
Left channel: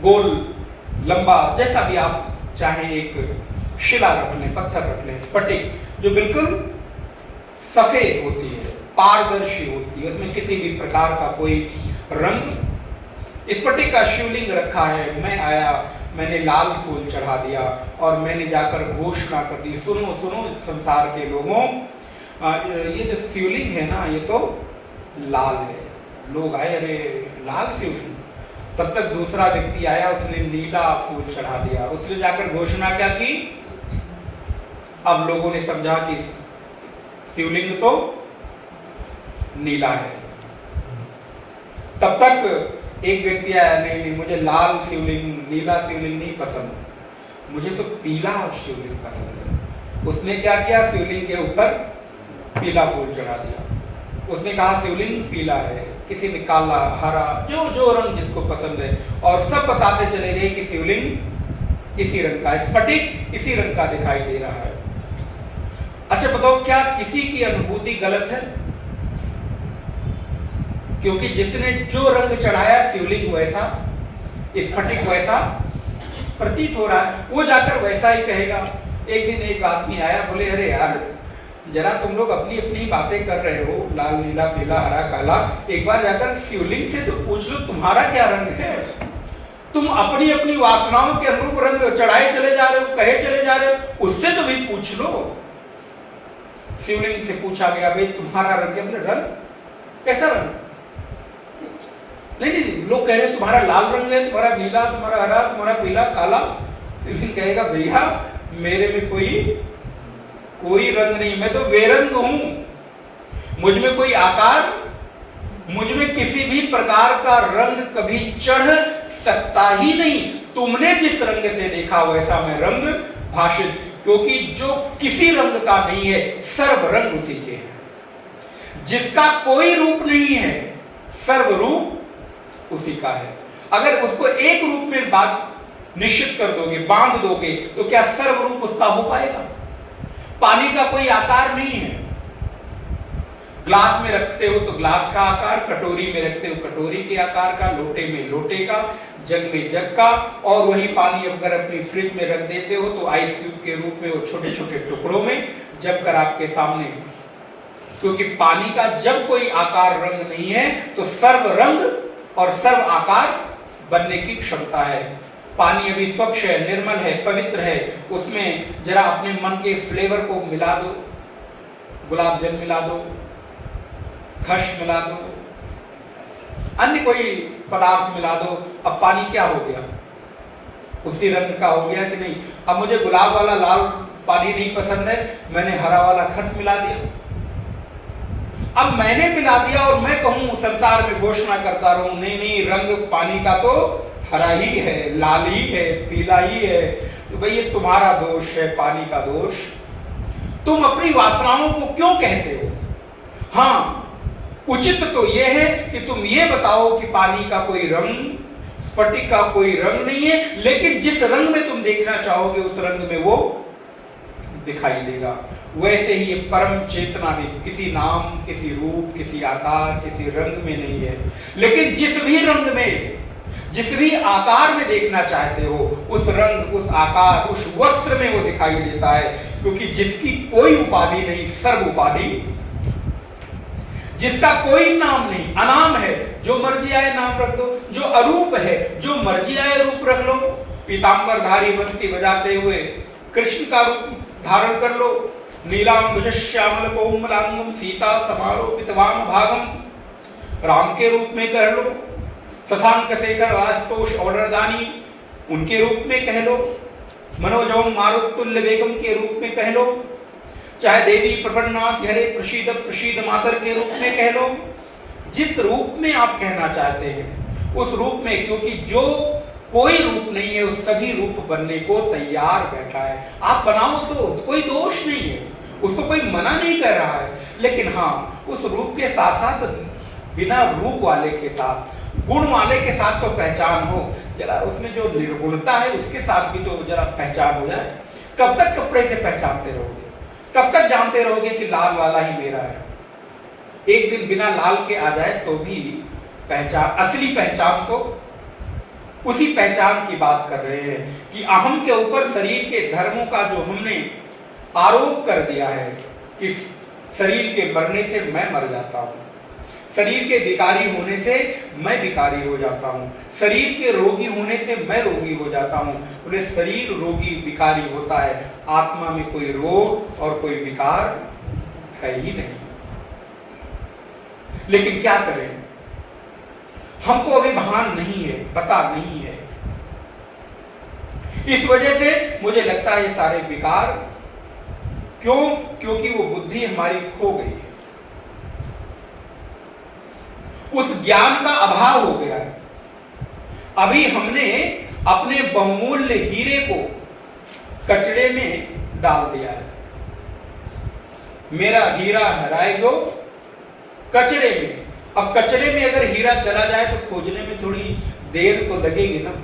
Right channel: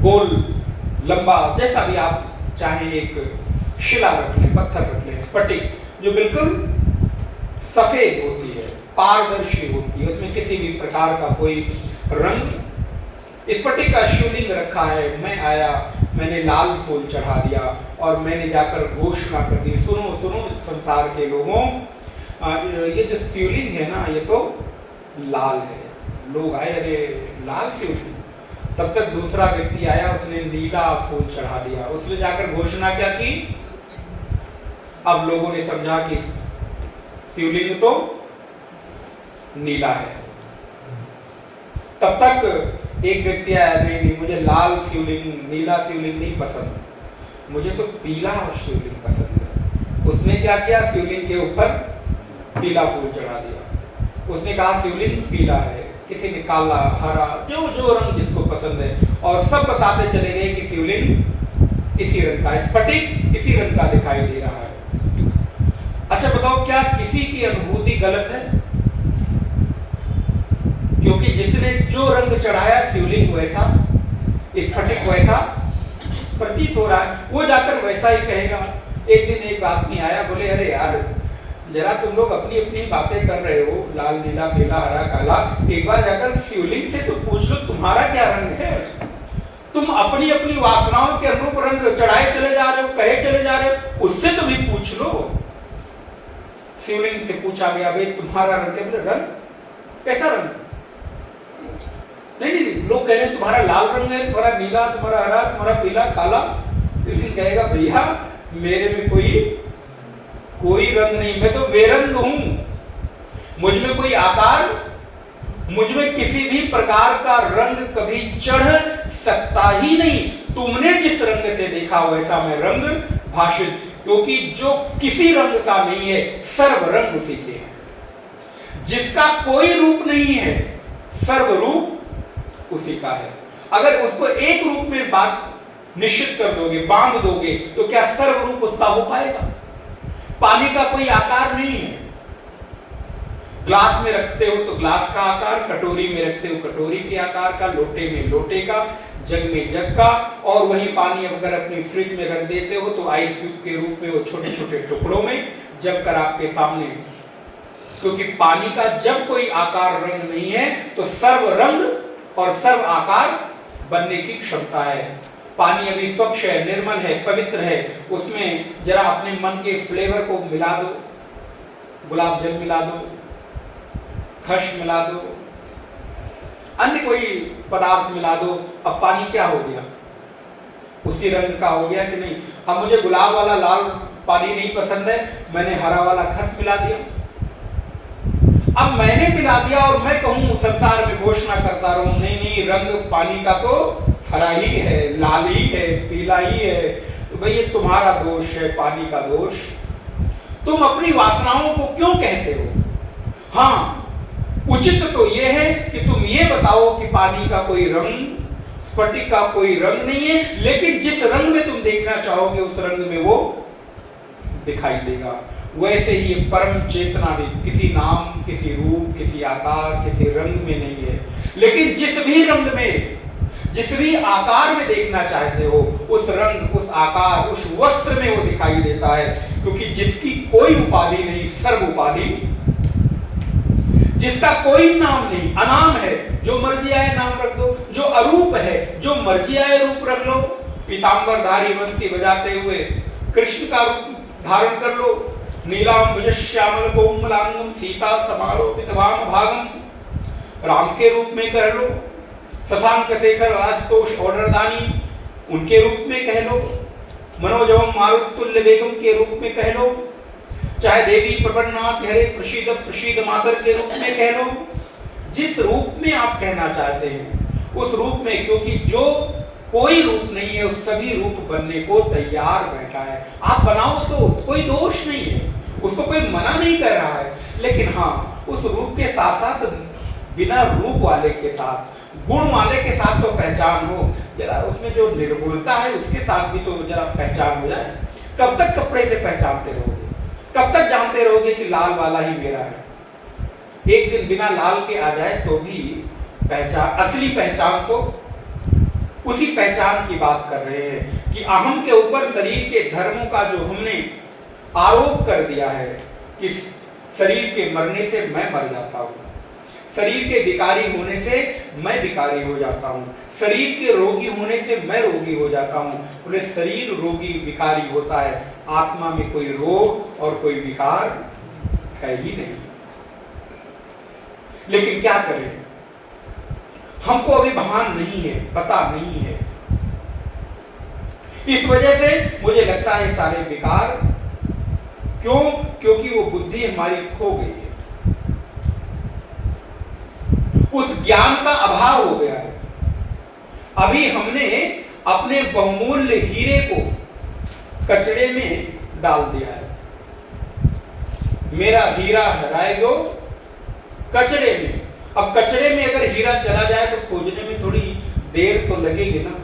गोल लंबा, जैसा भी आप चाहे एक शिला रख लें, पत्थर रख लें, स्फटिक जो बिल्कुल सफेद होती है, पारदर्शी होती है, उसमें किसी भी प्रकार का कोई रंग स्फटिक का शिवलिंग रखा है, मैं आया, मैंने लाल फूल चढ़ा दिया और मैंने जाकर घोषणा कर दी, सुनो सुनो संसार के लोगों, ये जो शिवलिंग है ना ये तो लाल है। लोग आए, अरे लाल शिवलिंग। तब तक दूसरा व्यक्ति आया, उसने नीला फूल चढ़ा दिया। उसने जाकर घोषणा क्या की? अब लोगों ने समझा कि शिवलिंग तो नीला है। तब तक एक व्यक्ति आया, नहीं नहीं मुझे लाल शिवलिंग, नीला शिवलिंग नहीं पसंद, मुझे तो पीला शिवलिंग पसंद है। उसने क्या किया? शिवलिंग के ऊपर पीला फूल चढ़ा दिया। उसने कहा शिवलिंग पीला है, किसी ने काला, हरा, जो जो रंग जिसको पसंद है, और सब बताते चले गए कि शिवलिंग इसी रंग का, स्फटिक इसी रंग का दिखाई दे रहा है। अच्छा बताओ, क्या किसी की अनुभूति गलत है? क्योंकि जिसने जो रंग चढ़ाया शिवलिंग वैसा, स्फटिक वैसा प्रतीत हो रहा है, वो जाकर वैसा ही कहेगा। एक दिन एक आदमी आया, बोले अरे यार जरा तुम लोग अपनी अपनी बातें कर रहे हो, लाल नीला पीला हरा काला, एक बार जाकर शिवलिंग से तो पूछ लो तुम्हारा क्या रंग है। तुम अपनी अपनी वासनाओं के अनुरूप रंग चढ़ाए चले जा रहे हो, कहे चले जा रहे हो, उससे तो भी पूछ लो। शिवलिंग से पूछा गया, भाई तुम्हारा रंग है? बोले रंग कैसा रंग? नहीं नहीं, लोग कह रहे हैं तुम्हारा लाल रंग है, तुम्हारा नीला, तुम्हारा हरा, तुम्हारा पीला, काला। शिवलिंग कहेगा भैया मेरे में कोई रंग नहीं, मैं तो बेरंग हूं। मुझ में कोई आकार, मुझ में किसी भी प्रकार का रंग कभी चढ़ सकता ही नहीं। तुमने जिस रंग से देखा वैसा मैं रंग भाषित, क्योंकि जो किसी रंग का नहीं है सर्व रंग उसी के है। जिसका कोई रूप नहीं है सर्व रूप उसी का है। अगर उसको एक रूप में बात निश्चित कर दोगे, बांध दोगे, तो क्या सर्व रूप उसका हो पाएगा? पानी का कोई आकार नहीं है। ग्लास में रखते हो तो ग्लास का आकार, कटोरी में रखते हो कटोरी के आकार का, लोटे में लोटे का, जग में जग का, और वही पानी अगर अपने फ्रिज में रख देते हो तो आइस क्यूब के रूप में वो छोटे छोटे टुकड़ों में जम कर आपके सामने। क्योंकि पानी का जब कोई आकार रंग नहीं है तो सर्व रंग और सर्व आकार बनने की क्षमता है। पानी अभी स्वच्छ है, निर्मल है, पवित्र है, उसमें जरा अपने मन के फ्लेवर को मिला दो, गुलाब जल मिला दो, घश मिला दो, अन्य कोई पदार्थ मिला दो, अब पानी क्या हो गया? उसी रंग का हो गया कि नहीं? अब मुझे गुलाब वाला लाल पानी नहीं पसंद है, मैंने हरा वाला खस मिला दिया। अब मैंने मिला दिया और मैं कहूं संसार में घोषणा करता रहूं, नहीं नहीं रंग पानी का तो हरा ही है, लाल ही है, पीला ही है, तो भाई ये तुम्हारा दोष है, पानी का दोष। तुम अपनी वासनाओं को क्यों कहते हो? हाँ, उचित तो यह है कि तुम ये बताओ कि पानी का कोई रंग, स्फटिक का कोई रंग नहीं है, लेकिन जिस रंग में तुम देखना चाहोगे उस रंग में वो दिखाई देगा। वैसे ही ये परम चेतना भी किसी नाम, किसी रूप, किसी आकार, किसी रंग में नहीं है, लेकिन जिस भी रंग में, जिस भी आकार में देखना चाहते हो उस रंग, उस आकार, उस वस्त्र में वो दिखाई देता है। क्योंकि जिसकी कोई उपाधि नहीं, सर्व उपाधि, जिसका कोई नाम नहीं, अनाम है, जो मर्जी आए नाम रख दो, जो अरूप है, जो मर्जी आए रूप रख लो। पीतांबरधारी बंसी बजाते हुए कृष्ण का रूप धारण कर लो, नीलांबुज श्यामल कोमलांगम सीता समारोपितवाम भागम, राम के रूप में कर लो, शशांक शेखर आशुतोष ऑर्डरदानी उनके रूप में कह लो, मनोजवम मारुतुल्य वेगम के रूप में कह लो, चाहे देवी प्रबन्नाथ हरे प्रसीद प्रसीद मातर के रूप में कह लो। जिस रूप में आप कहना चाहते हैं उस रूप में, क्योंकि जो कोई रूप नहीं है उस सभी रूप बनने को तैयार बैठा है। आप बनाओ तो कोई दोष नहीं है, उसको कोई मना नहीं कर रहा है, लेकिन हाँ उस रूप के साथ साथ बिना रूप वाले के साथ, गुण वाले के साथ तो पहचान हो, जरा उसमें जो निर्गुणता है उसके साथ भी तो जरा पहचान हो जाए। कब तक कपड़े से पहचानते रहोगे? कब तक जानते रहोगे कि लाल वाला ही मेरा है? एक दिन बिना लाल के आ जाए तो भी पहचान, असली पहचान तो उसी पहचान की बात कर रहे हैं कि अहम के ऊपर शरीर के धर्मों का जो हमने आरोप कर दिया है कि शरीर के मरने से मैं मर जाता हूं, शरीर के विकारी होने से मैं विकारी हो जाता हूँ, शरीर के रोगी होने से मैं रोगी हो जाता हूँ। बोले शरीर रोगी विकारी होता है, आत्मा में कोई रोग और कोई विकार है ही नहीं। लेकिन क्या करें, हमको अभी भान नहीं है, पता नहीं है। इस वजह से मुझे लगता है ये सारे विकार, क्यों? क्योंकि वो बुद्धि हमारी खो गई है, उस ज्ञान का अभाव हो गया है। अभी हमने अपने बहुमूल्य हीरे को कचरे में डाल दिया है। मेरा हीरा हराए गो कचरे में। अब कचरे में अगर हीरा चला जाए तो खोजने में थोड़ी देर तो लगेगी ना।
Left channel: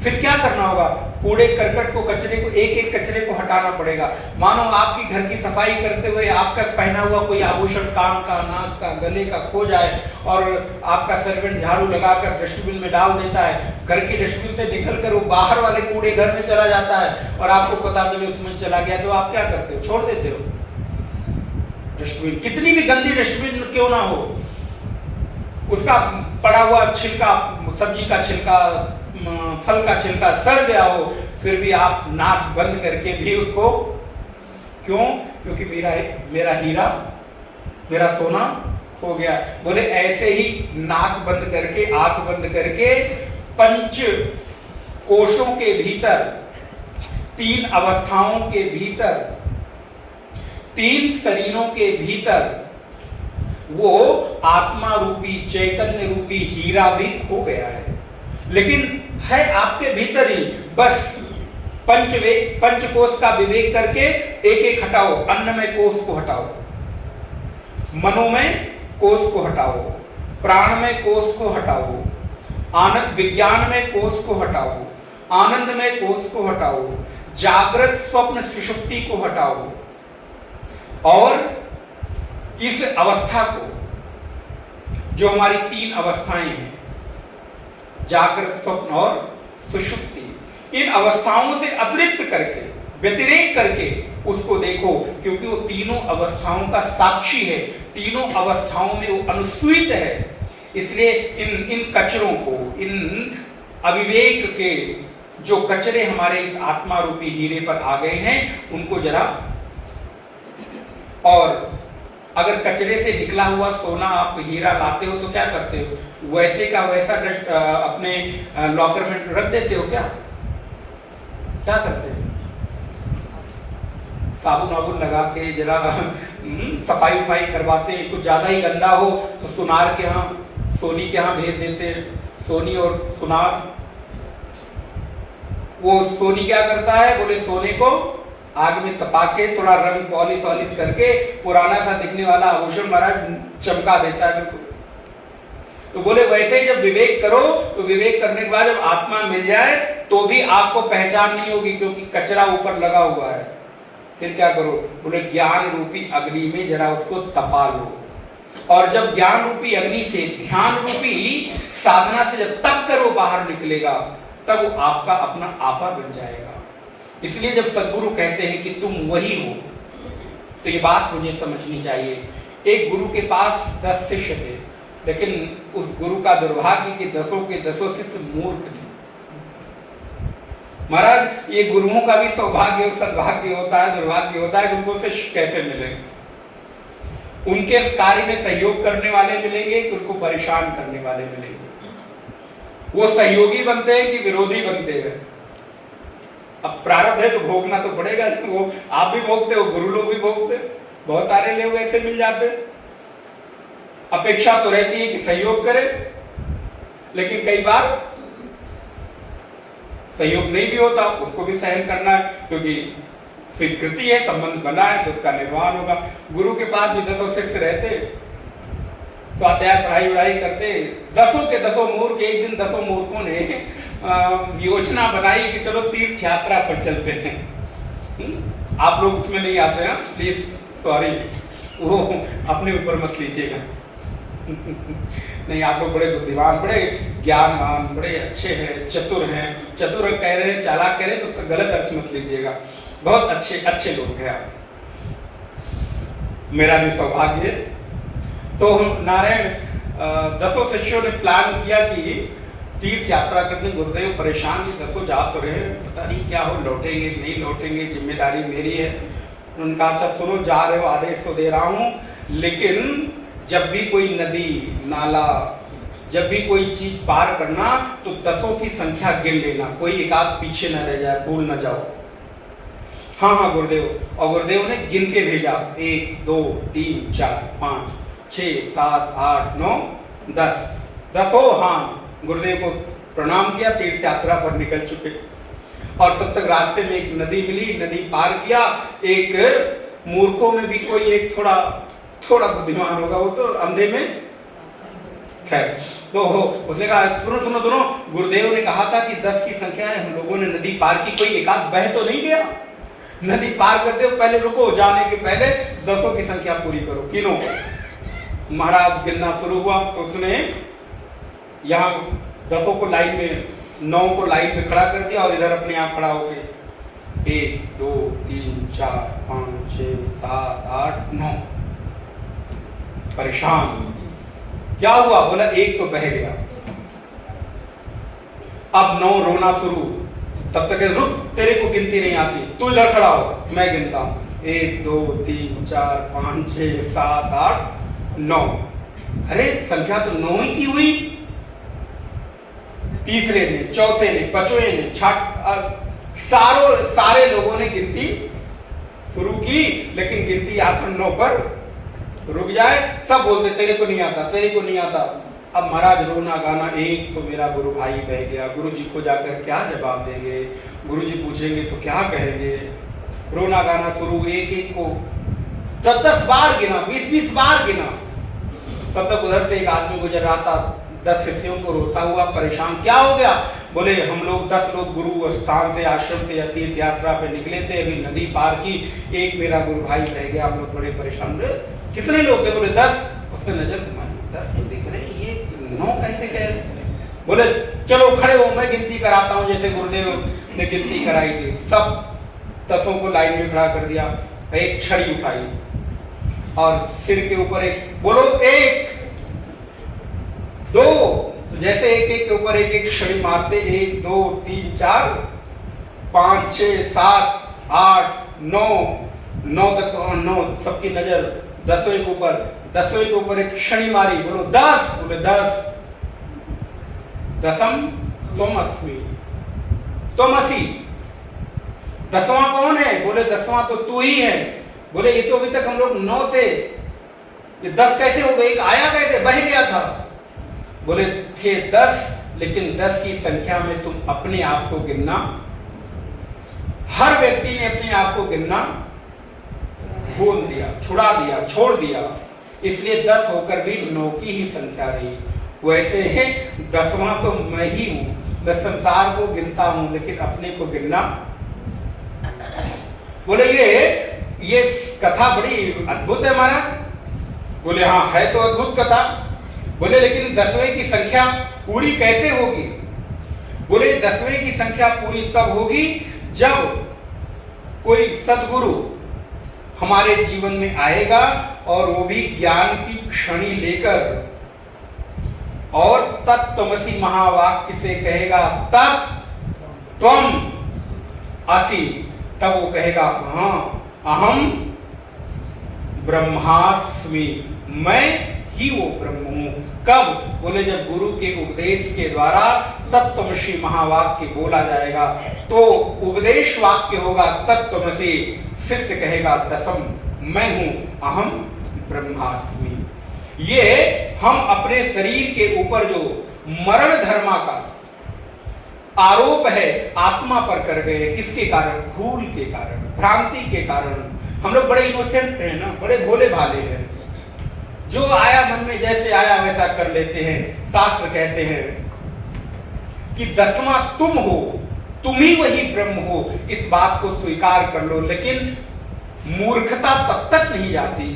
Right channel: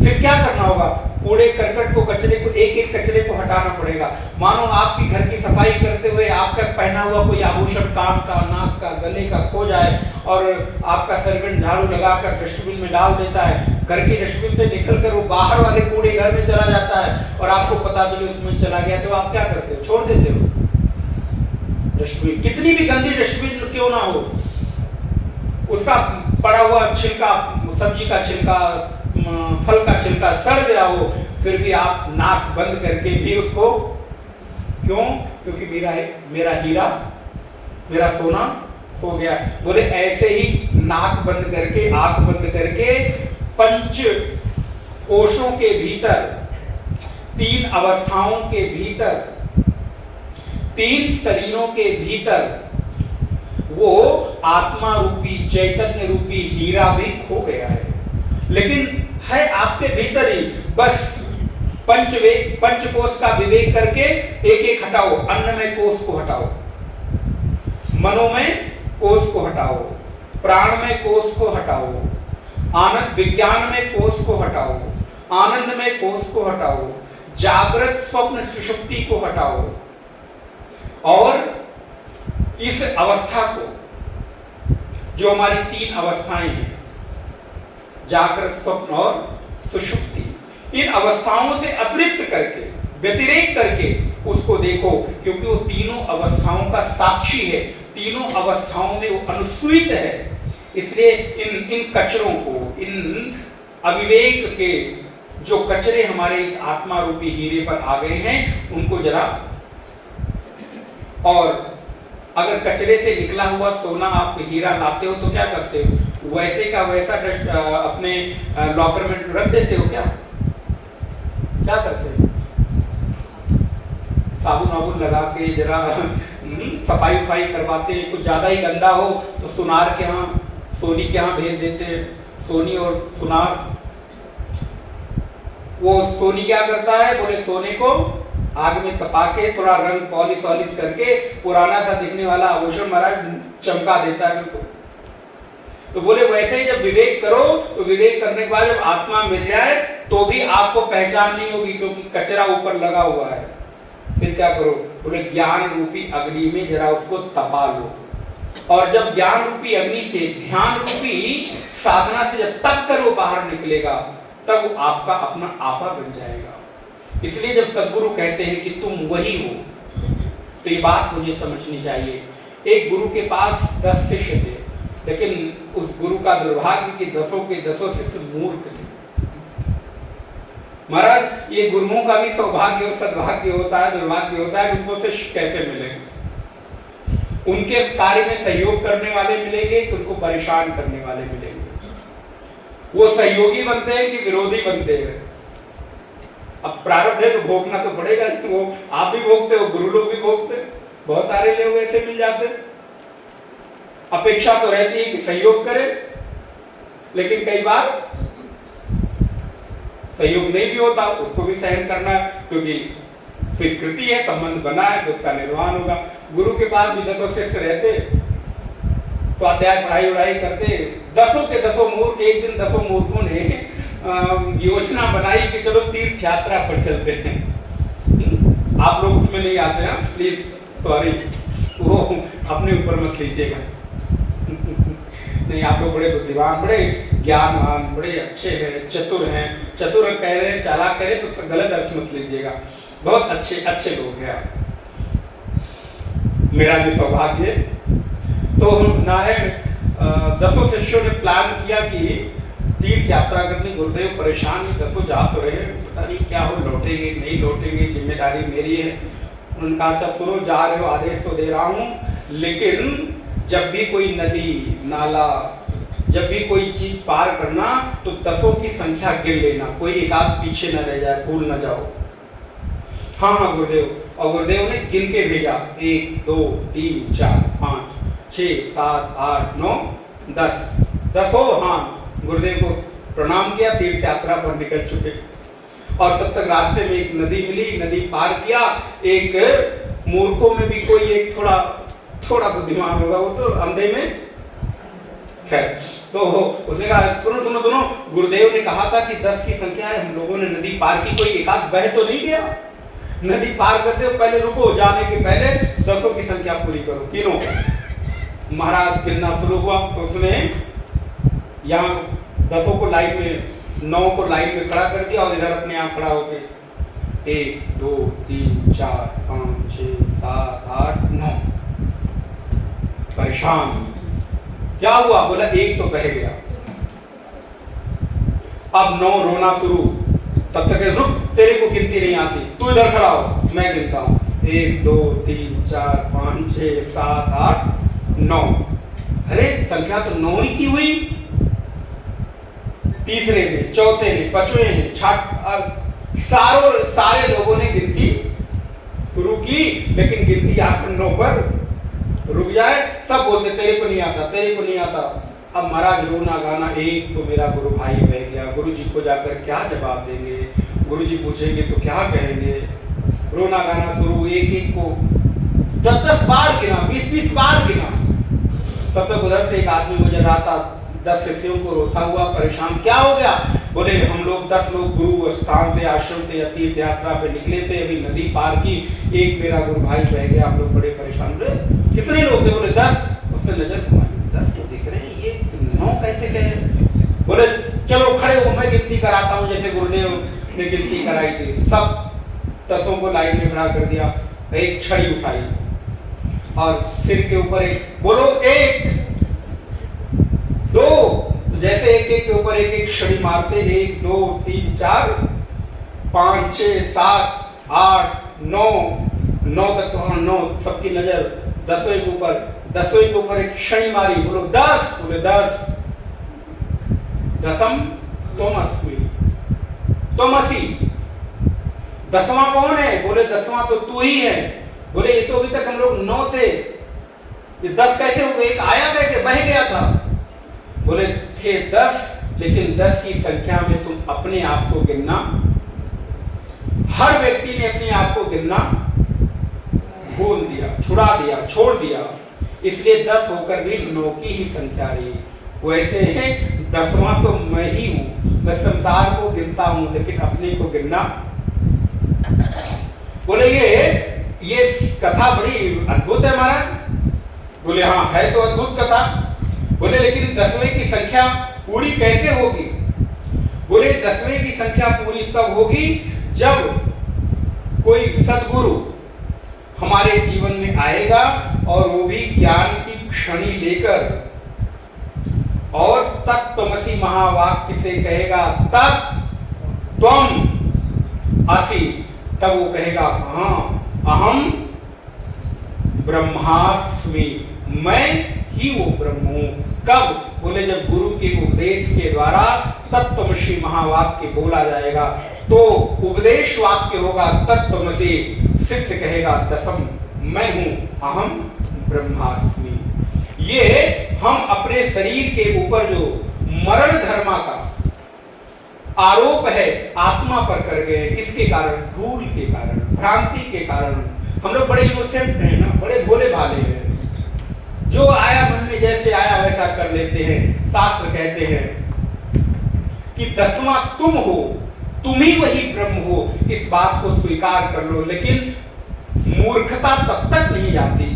फिर क्या करना होगा? कूड़े करकट को, कचरे को, एक एक कचरे को हटाना पड़ेगा। मानो आपकी घर की सफाई करते हुए आपका पहना हुआ कोई आभूषण कान का, नाक का, गले का खो जाए और आपका सर्वेंट झाड़ू लगाकर डस्टबिन में डाल देता है। घर की डस्टबिन से निकलकर वो बाहर वाले कूड़े घर में चला जाता है और आपको पता चले उसमें चला गया, तो आप क्या करते हो? छोड़ देते हो डस्टबिन। कितनी भी गंदी डस्टबिन क्यों ना हो, उसका पड़ा हुआ छिलका, सब्जी का छिलका, फल का छिलका सड़ गया हो, फिर भी आप नाक बंद करके भी उसको, क्यों? क्योंकि मेरा हीरा, मेरा सोना हो गया। बोले ऐसे ही नाक बंद करके, आंख बंद करके, पंच कोशों के भीतर, तीन अवस्थाओं के भीतर, तीन शरीरों के भीतर वो आत्मा रूपी, चैतन्य रूपी हीरा भी खो गया है। लेकिन है आपके भीतर ही। बस पंचकोश का विवेक करके एक एक हटाओ। अन्नमय कोश को हटाओ, मनोमय कोश को हटाओ, प्राणमय कोश को हटाओ, आनंद विज्ञानमय कोश को हटाओ, आनंदमय कोश को हटाओ, जागृत स्वप्न सुषुप्ति को हटाओ और इस अवस्था को, जो हमारी तीन अवस्थाएं हैं, जागृत, स्वप्न और सुषुप्ति, इन अवस्थाओं से अतिरिक्त करके, व्यतिरेक करके उसको देखो, क्योंकि वो तीनों अवस्थाओं का साक्षी है, तीनों अवस्थाओं में वो अनुस्यूत है। इसलिए इन कचरों को, इन अविवेक के जो कचरे हमारे इस आत्मा रूपी हीरे पर आ गए हैं, उनको जरा, और अगर कचरे से निकला हुआ सोना आप हीरा लाते हो तो क्या करते हो? वैसे का वैसा डस्ट अपने लॉकर में रख देते हो क्या? क्या करते हो? साबुन वाबुन लगा के जरा सफाई उफाई करवाते हैं। कुछ ज्यादा ही गंदा हो तो सुनार के यहाँ, सोनी के यहाँ भेज देते हैं। सोनी और सुनार, वो सोनी क्या करता है? बोले सोने को आग में तपा के थोड़ा रंग पॉलिश वॉलिश करके पुराना सा दिखने वाला आभूषण महाराज चमका देता है बिल्कुल। तो बोले वैसे ही जब विवेक करो, तो विवेक करने के बाद जब आत्मा मिल जाए तो भी आपको पहचान नहीं होगी, क्योंकि कचरा ऊपर लगा हुआ है। फिर क्या करो? बोले ज्ञान रूपी अग्नि में जरा उसको तपा लो, और जब ज्ञान रूपी अग्नि से, ध्यान रूपी साधना से जब तप कर वो बाहर निकलेगा, तब आपका अपना आपा बन जाएगा। इसलिए जब सद्गुरु कहते हैं कि तुम वही हो, तो ये बात मुझे समझनी चाहिए। एक गुरु के पास 10 शिष्य थे, लेकिन उस गुरु का दुर्भाग्य कि 10 के 10 शिष्य मूर्ख थे। महाराज, ये गुरुओं का भी सौभाग्य और सद्भाग्य होता है, दुर्भाग्य होता है। उनको शिष्य कैसे मिलेंगे? उनके कार्य में सहयोग करने वाले मिलेंगे कि उनको परेशान करने वाले मिलेंगे। वो सहयोगी बनते हैं कि विरोधी बनते हैं? अब प्रारब्ध है तो भोगना तो पड़ेगा। वो आप भी भोगते हो, गुरु लोग भी भोगते, बहुत सारे लोग ऐसे मिल जाते। अपेक्षा तो रहती है कि सहयोग करे, लेकिन कई बार सहयोग नहीं भी होता, उसको भी सहन करना है, क्योंकि स्वीकृति है, संबंध बना है तो उसका निर्वाह होगा। गुरु के पास भी 10 शिष्य रहते, स्वाध्याय पढ़ाई वढ़ाई करते, 10 के 10 मूर्ख। एक दिन 10 मूर्खों ने योजना बनाई कि चलो तीर्थ यात्रा पर चलते हैं। आप लोग उसमें नहीं आते हैं, प्लीज सॉरी, वो अपने ऊपर मत लीजिएगा। नहीं, आप लोग बड़े बुद्धिमान, बड़े ज्ञानवान, बड़े अच्छे हैं, चतुर हैं। चतुर कह रहे हैं, चालाक कह रहे हैं तो उसका गलत अर्थ मत लीजिएगा। बहुत अच्छे अच्छे लोग हैं आप। मेरा भी सौभाग्य है। तो नारायण दसों शिष्यों ने प्लान किया कि तीर्थ यात्रा करनी, गुरुदेव परेशान ही दसों जा तो रहे हैं, पता नहीं क्या हो, लौटेंगे नहीं लौटेंगे, जिम्मेदारी मेरी है। उनका अच्छा सुनो, जा रहे हो आदेश तो दे रहा हूँ, लेकिन जब भी कोई नदी नाला, जब भी कोई चीज पार करना तो दसों की संख्या गिन लेना, कोई एक आध पीछे न रह जाए, भूल न जाओ। हाँ हाँ गुरुदेव। और गुरुदेव ने गिन के भेजा, 1 2 3 4 5 6 7 8 9 10, दसों हाँ गुरुदेव को प्रणाम किया, तीर्थ यात्रा पर निकल चुके। और तब तक रास्ते में एक नदी मिली, नदी पार किया। एक मूर्खों में भी कोई एक थोड़ा बुद्धिमान होगा, वो तो अंधे में खैर। तो उसने कहा सुनो सुनो सुनो, गुरुदेव ने कहा था कि 10 की संख्या है, हम लोगों ने नदी पार की, कोई एक आध बह तो नहीं गया? नदी पार करते हो पहले रुको, जाने के पहले दसों की संख्या पूरी करो। किनो महाराज गिनना शुरू हुआ तो उसने यहाँ दसों को लाइन में, 9 को लाइन में खड़ा कर दिया और इधर अपने आप खड़ा हो गए। 1 2 3 4 5 6 7 8 9। परेशान, क्या हुआ? बोला 1 तो बह गया। अब 9 रोना शुरू। तब तक रुक, तेरे को गिनती नहीं आती, तू इधर खड़ा हो, मैं गिनता हूं। 1 2 3 4 5 6 7 8 9। अरे संख्या तो 9 ही की हुई। तीसरे में, चौथे में, पांचवें में, सारे लोगों ने गिनती शुरू की, लेकिन गिनती आखिर 9 पर रुक जाए। सब बोलते तेरे को नहीं आता, तेरे को नहीं आता। अब महाराज रोना गाना, एक तो मेरा गुरु भाई बह गया, गुरु जी को जाकर क्या जवाब देंगे, गुरु जी पूछेंगे तो क्या कहेंगे। रोना गाना शुरू, एक एक को 10 बार गिना, 20 बार गिना। तब तक उधर से एक आदमी गुजर रहा था, 10 शिष्यों को रोता हुआ, परेशान। क्या हो गया? बोले हम लोग 10 लोग गुरु स्थान से, आश्रम से या तीर्थ यात्रा पे निकले थे, अभी नदी पार की, एक मेरा गुरु भाई बह गया, हम लोग बड़े परेशान हुए। कितने लोग थे? बोले 10। उसने नजर घुमाई, 10 तो दिख रहे हैं, ये 9 कैसे कह रहे? बोले चलो खड़े हो, मैं गिनती कराता हूँ जैसे गुरुदेव ने गिनती कराई थी। सब 10 को लाइन में खड़ा कर दिया, एक छड़ी उठाई और सिर के ऊपर एक, बोलो 1 2, जैसे एक के ऊपर एक छड़ी मारते, 1 2 3 4 5 6 7 8 9 तक तो 9, सबकी नजर 10वें के ऊपर। 10वें के ऊपर एक छड़ी मारी, बोलो 10। बोले 10। दसम तुमसी। 10वां कौन है? बोले 10वां तो तू ही है। बोले ये तो अभी तक हम लोग 9 थे, ये 10 कैसे हो गए? एक आया कैसे? बह गया था। बोले थे 10, लेकिन 10 की संख्या में तुम अपने आप को गिनना, हर व्यक्ति ने अपने आप को गिनना भूल दिया, छुड़ा दिया, छोड़ दिया, इसलिए 10 होकर भी 9 की ही संख्या रही। वैसे ही 10वां तो मैं ही हूं, मैं संसार को गिनता हूं, लेकिन अपने को गिनना। बोले ये कथा बड़ी अद्भुत है महाराज। बोले हाँ है तो अद्भुत कथा। बोले लेकिन 10वें की संख्या पूरी कैसे होगी? बोले 10वें की संख्या पूरी तब होगी जब कोई सद्गुरु हमारे जीवन में आएगा और वो भी ज्ञान की क्षणी लेकर और तत्त्वमसि महावाक्य से कहेगा तत् त्वम असि। तब वो कहेगा हाँ अहम ब्रह्मास्मि, मैं ही वो ब्रह्म हूं। कब? बोले जब गुरु के उपदेश के द्वारा तत्त्वमसि महावाक्य बोला जाएगा, तो उपदेश वाक्य होगा तत्त्वमसि, शिष्य कहेगा दसम मैं हूं अहम ब्रह्मास्मि। ये हम अपने शरीर के ऊपर जो मरण धर्मा का आरोप है आत्मा पर कर गए, किसके कारण? भूल के कारण, भ्रांति के कारण। हम लोग बड़े इनोसेंट हैं ना, बड़े भोले भाले हैं, जो आया मन में जैसे आया वैसा कर लेते हैं। शास्त्र कहते हैं कि 10वां तुम हो, तुम ही वही ब्रह्म हो, इस बात को स्वीकार कर लो। लेकिन मूर्खता तब तक नहीं जाती,